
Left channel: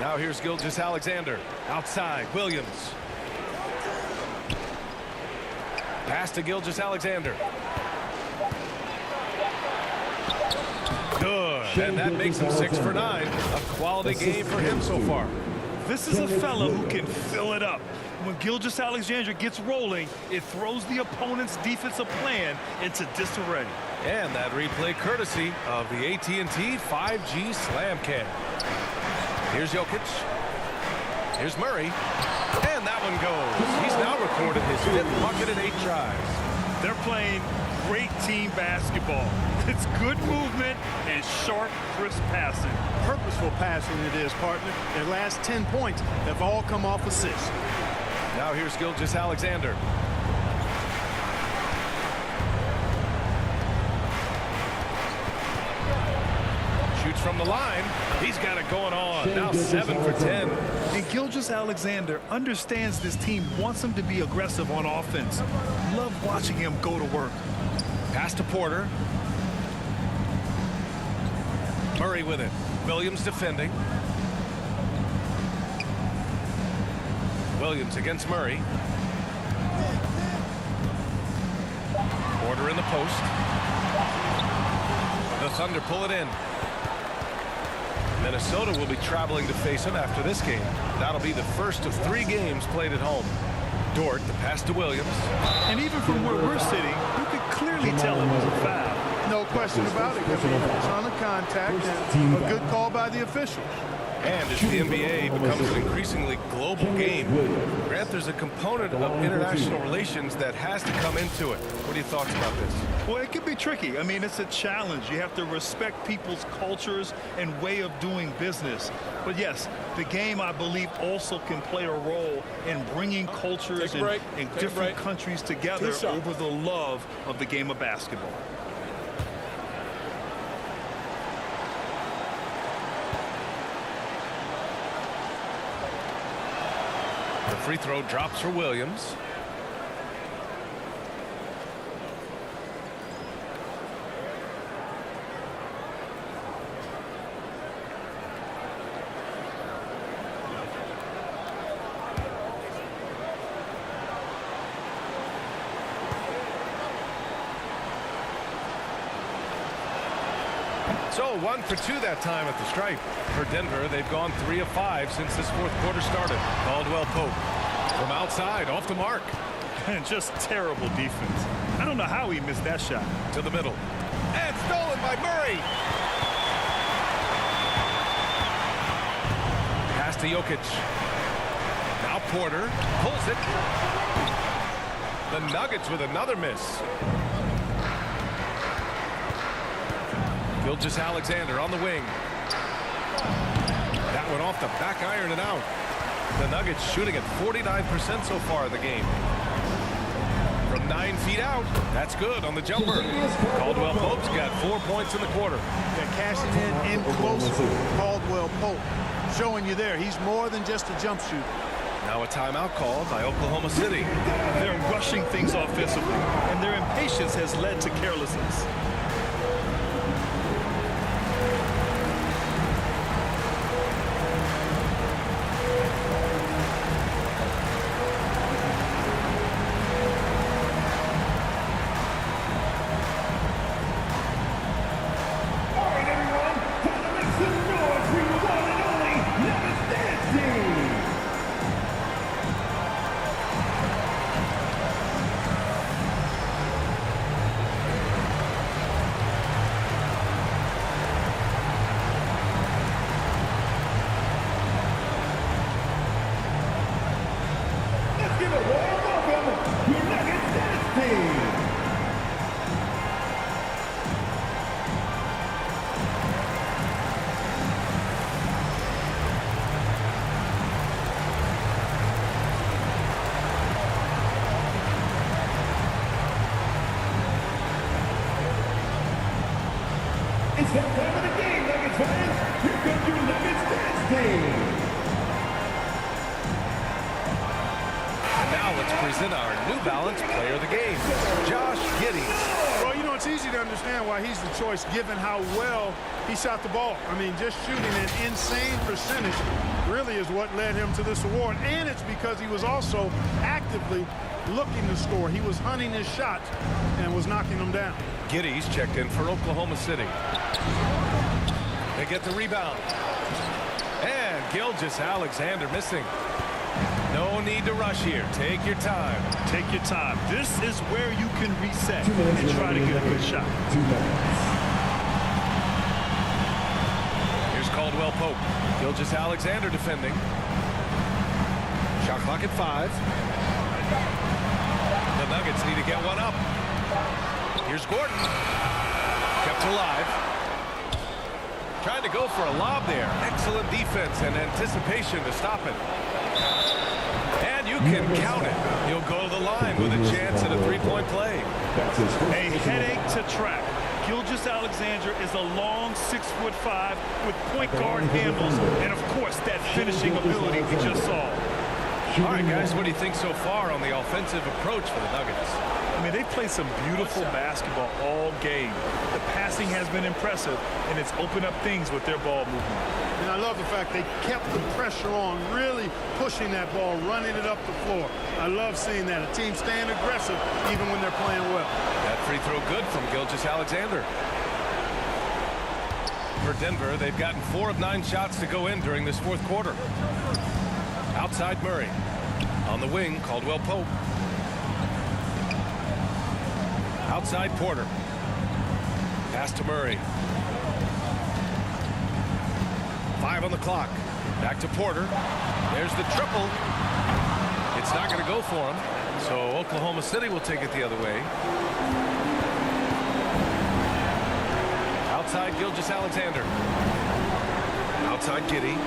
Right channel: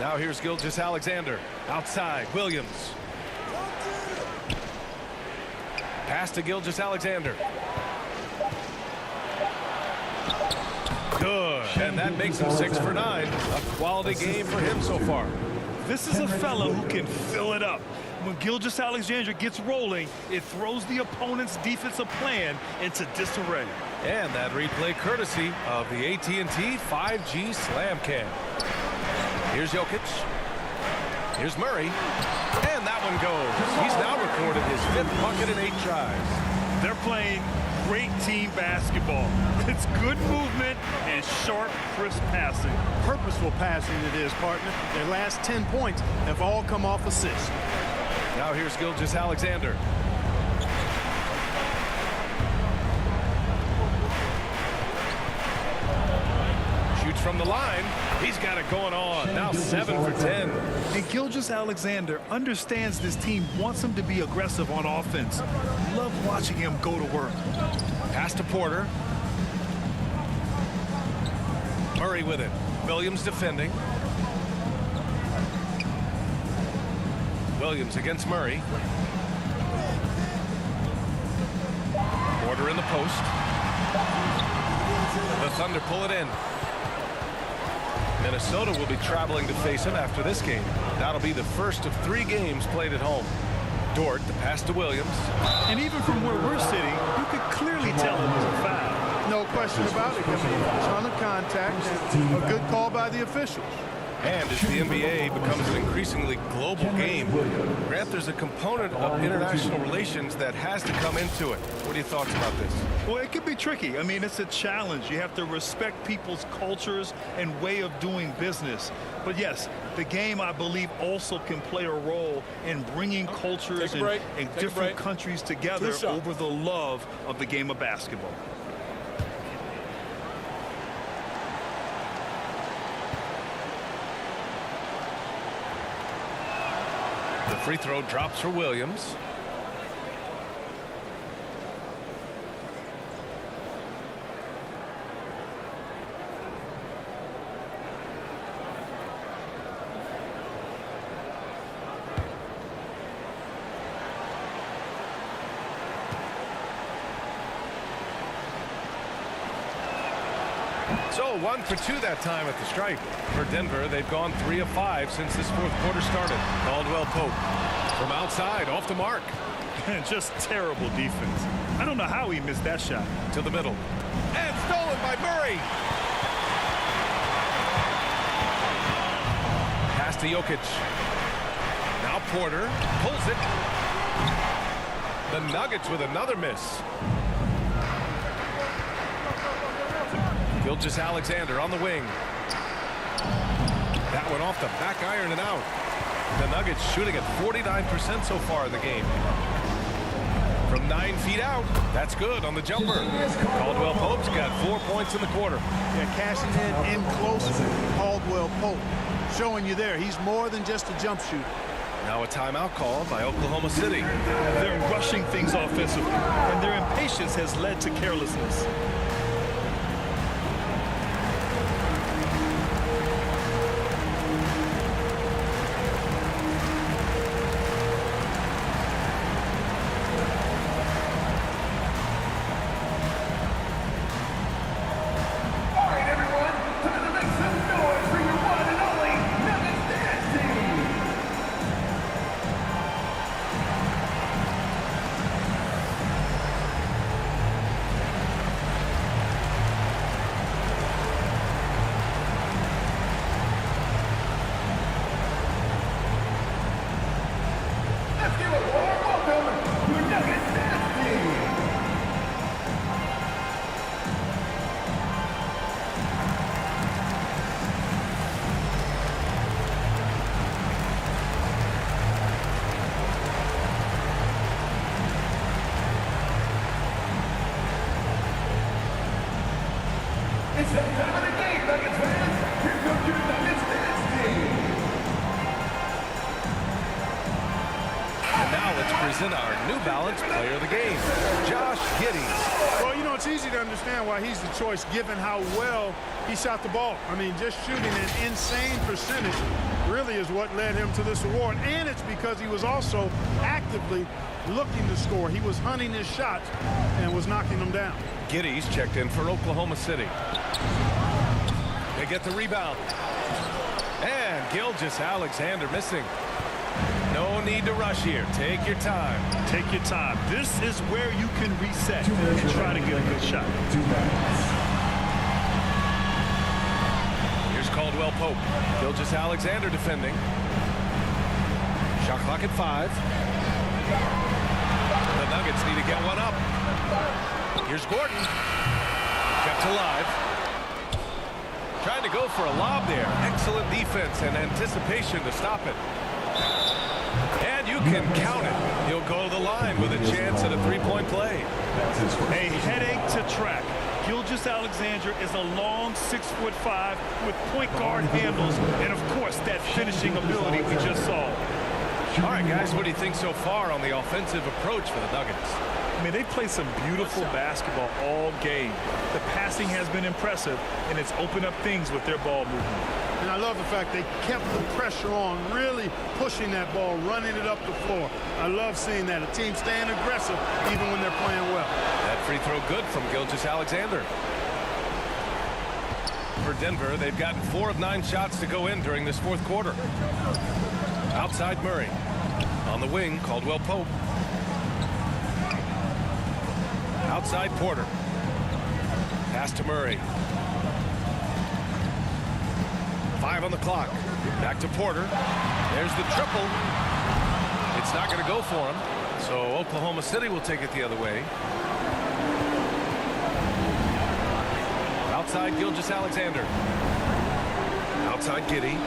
Now here's Gilgeous-Alexander. Outside, Williams. Pass to Gilgeous-Alexander. Good, and that makes him 6 for 9. A quality game for him so far. This is a fellow who can fill it up. When Gilgeous-Alexander gets rolling, it throws the opponent's defensive plan into disarray. And that replay courtesy of the AT&T 5G Slam Cam. Here's Jokic. Here's Murray. And that one goes. He's now recorded his 5th bucket in 8 tries. They're playing great team basketball. It's good movement and sharp, crisp passing. Purposeful passing it is, partner. Their last 10 points have all come off assists. Now here's Gilgeous-Alexander. Shoots from the line. He's got it going on. Now 7 for 10. And Gilgeous-Alexander understands this team wants him to be aggressive on offense. Love watching him go to work. Pass to Porter. Murray with it. Williams defending. Williams against Murray. Porter in the post. The Thunder pull it in. Minnesota will be traveling to face him after this game. That'll be the first of 3 games played at home. Dort, the pass to Williams. And even from where we're sitting, you could clearly tell it was a foul. No question about it. I mean, a ton of contact and a good call by the officials. And as the NBA becomes an increasingly global game, Grant, there's a component of international relations that has to come into it. What are your thoughts about this? Well, it can be tricky. I mean, it's a challenge. You have to respect people's cultures and way of doing business. But yes, the game, I believe, also can play a role in bringing cultures and different countries together over the love of the game of basketball. The free throw drops for Williams. So 1 for 2 that time at the stripe. For Denver, they've gone 3 of 5 since this 4th quarter started. Caldwell Pope from outside, off the mark. Just terrible defense. I don't know how he missed that shot. To the middle. And stolen by Murray. Pass to Jokic. Now Porter pulls it. The Nuggets with another miss. Gilgeous-Alexander on the wing. That one off the back iron and out. The Nuggets shooting at 49% so far in the game. From from 9 feet out. That's good on the jumper. Caldwell Pope's got 4 points in the quarter. Yeah, cashing in close. Caldwell Pope showing you there. He's more than just a jump shooter. Now a timeout called by Oklahoma City. They're rushing things offensively, and their impatience has led to carelessness. All right, everyone, time to make some noise for your one and only Nuggets Dance Team. Let's give a warm welcome to your Nuggets Dance Team. It's that time of the game, Nuggets fans. Here comes your Nuggets Dance Team. And now let's present our New Balance Player of the Game, Josh Giddey. Well, you know, it's easy to understand why he's the choice given how well he shot the ball. I mean, just shooting an insane percentage really is what led him to this award. And it's because he was also actively looking to score. He was hunting his shots and was knocking them down. Giddey's checked in for Oklahoma City. They get the rebound. And Gilgeous-Alexander missing. No need to rush here. Take your time. Take your time. This is where you can reset and try to get a good shot. 2 minutes. Here's Caldwell Pope. Gilgeous-Alexander defending. Shot clock at 5. The Nuggets need to get one up. Here's Gordon. Kept alive. Trying to go for a lob there. Excellent defense and anticipation to stop it. And you can count it. He'll go to the line with a chance at a 3-point play. A headache to track. Gilgeous-Alexander is a long 6'5" with point guard handles and, of course, that finishing ability we just saw. All right, guys, what do you think so far on the offensive approach for the Nuggets? I mean, they play some beautiful basketball all game. The passing has been impressive, and it's opened up things with their ball movement. And I love the fact they kept the pressure on, really pushing that ball, running it up the floor. I love seeing that. A team staying aggressive even when they're playing well. That free throw good from Gilgeous-Alexander. For Denver, they've gotten 4 of 9 shots to go in during this 4th quarter. Outside Murray. On the wing, Caldwell Pope. Outside Porter. Pass to Murray. 5 on the clock. Back to Porter. There's the triple. It's not going to go for him. So Oklahoma City will take it the other way. Outside Gilgeous-Alexander. Outside Giddey.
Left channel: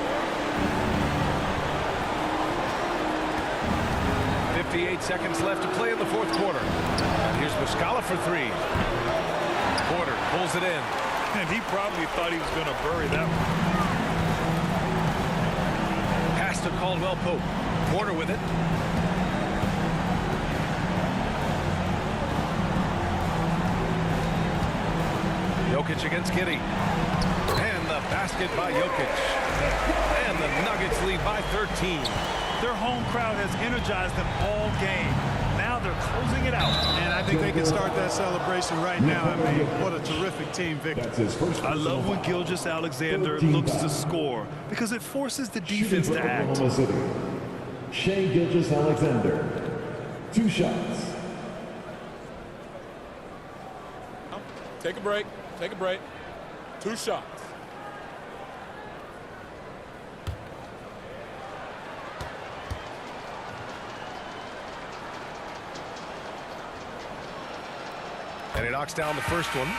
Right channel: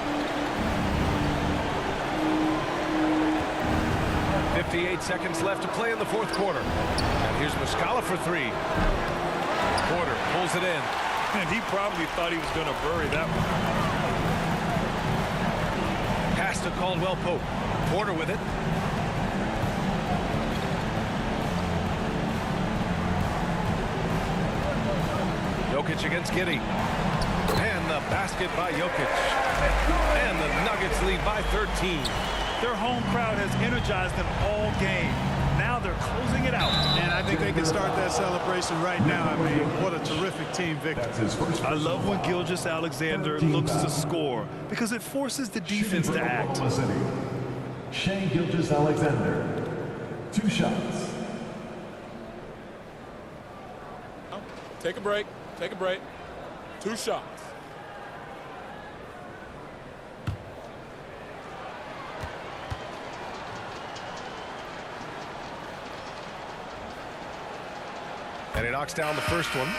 58 seconds left to play in the 4th quarter. And here's Muscala for 3. Porter pulls it in. And he probably thought he was going to bury that one. Pass to Caldwell Pope. Porter with it. Jokic against Giddey. And the basket by Jokic. And the Nuggets lead by 13. Their home crowd has energized them all game. Now they're closing it out. And I think they can start that celebration right now. I mean, what a terrific team victory. I love when Gilgeous-Alexander looks to score because it forces the defense to act. Oklahoma City. Shai Gilgeous-Alexander. 2 shots. Take a break. Take a break. 2 shots. And he knocks down the first one.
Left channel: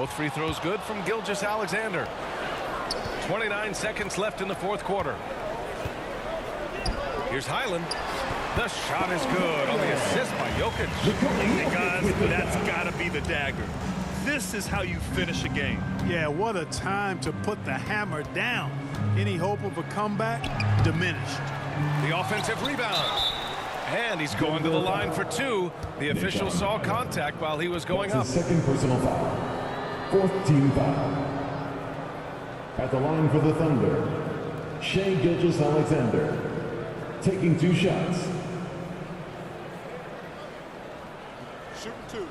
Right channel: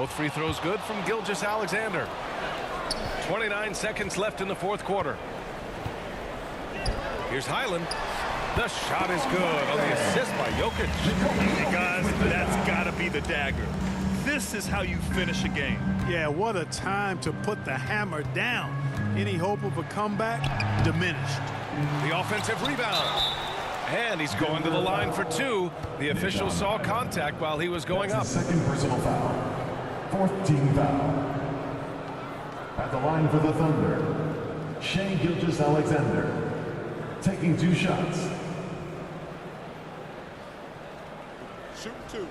Both free throws good from Gilgeous-Alexander. 29 seconds left in the fourth quarter. Here's Highland. The shot is good on the assist by Jokic. Hey guys, that's got to be the dagger. This is how you finish a game. Yeah, what a time to put the hammer down. Any hope of a comeback diminished. The offensive rebound. And he's going to the line for two. The official saw contact while he was going up. Second personal foul. Fourth team foul. At the line for the Thunder, Shai Gilgeous-Alexander, taking 2 shots. Shooting 2.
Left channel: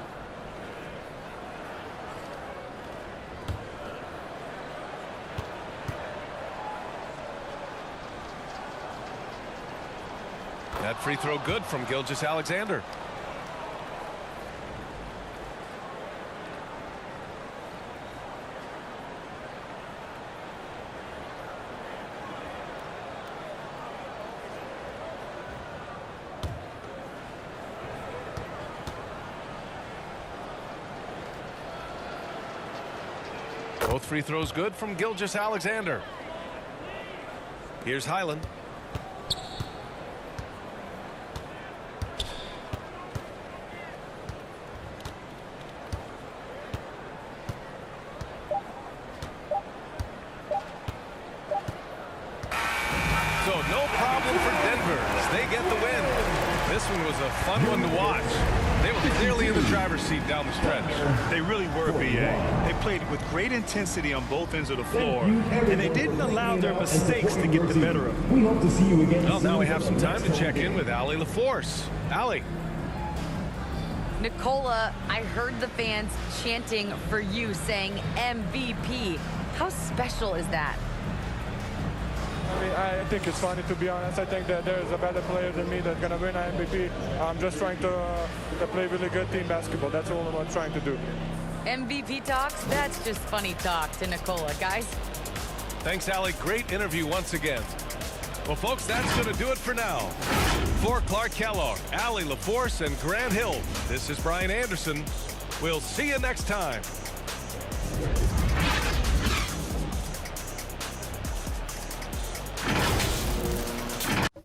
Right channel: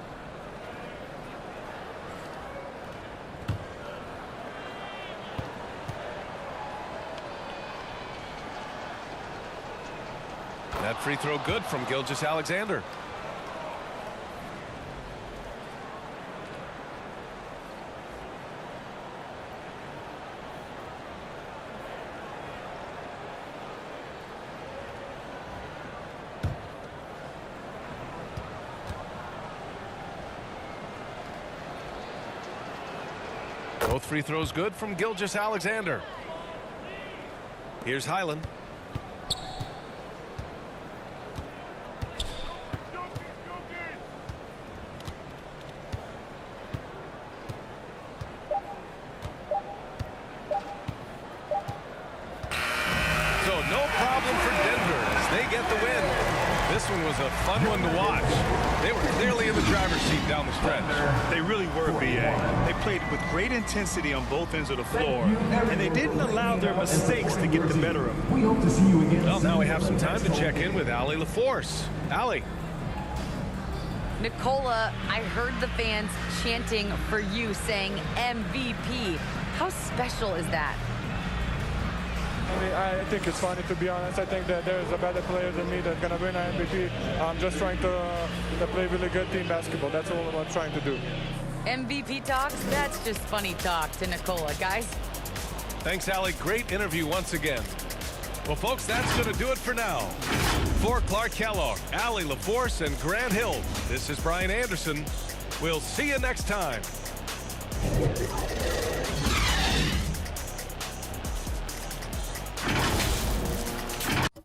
That free throw good from Gilgeous-Alexander. Both free throws good from Gilgeous-Alexander. Here's Highland. So no problem for Denver as they get the win. This one was a fun one to watch. They were clearly in the driver's seat down the stretch. They really were, B.A. They played with great intensity on both ends of the floor, and they didn't allow their mistakes to get the better of them. We hope to see you again. Well, now we have some time to check in with Allie LaForce. Allie. Nicola, I heard the fans chanting for you, saying MVP. How special is that? I mean, I think it's funny, to be honest. I think that there's a better player than me that's going to win an MVP. I'm just trying to play really good team basketball. That's all I'm trying to do. MVP talks? That's just funny talk to Nicola, guys. Thanks, Allie. Great interview once again. Well, folks, that's going to do it for now. For Clark Kellogg, Allie LaForce, and Grant Hill, this is Brian Anderson. We'll see you next time.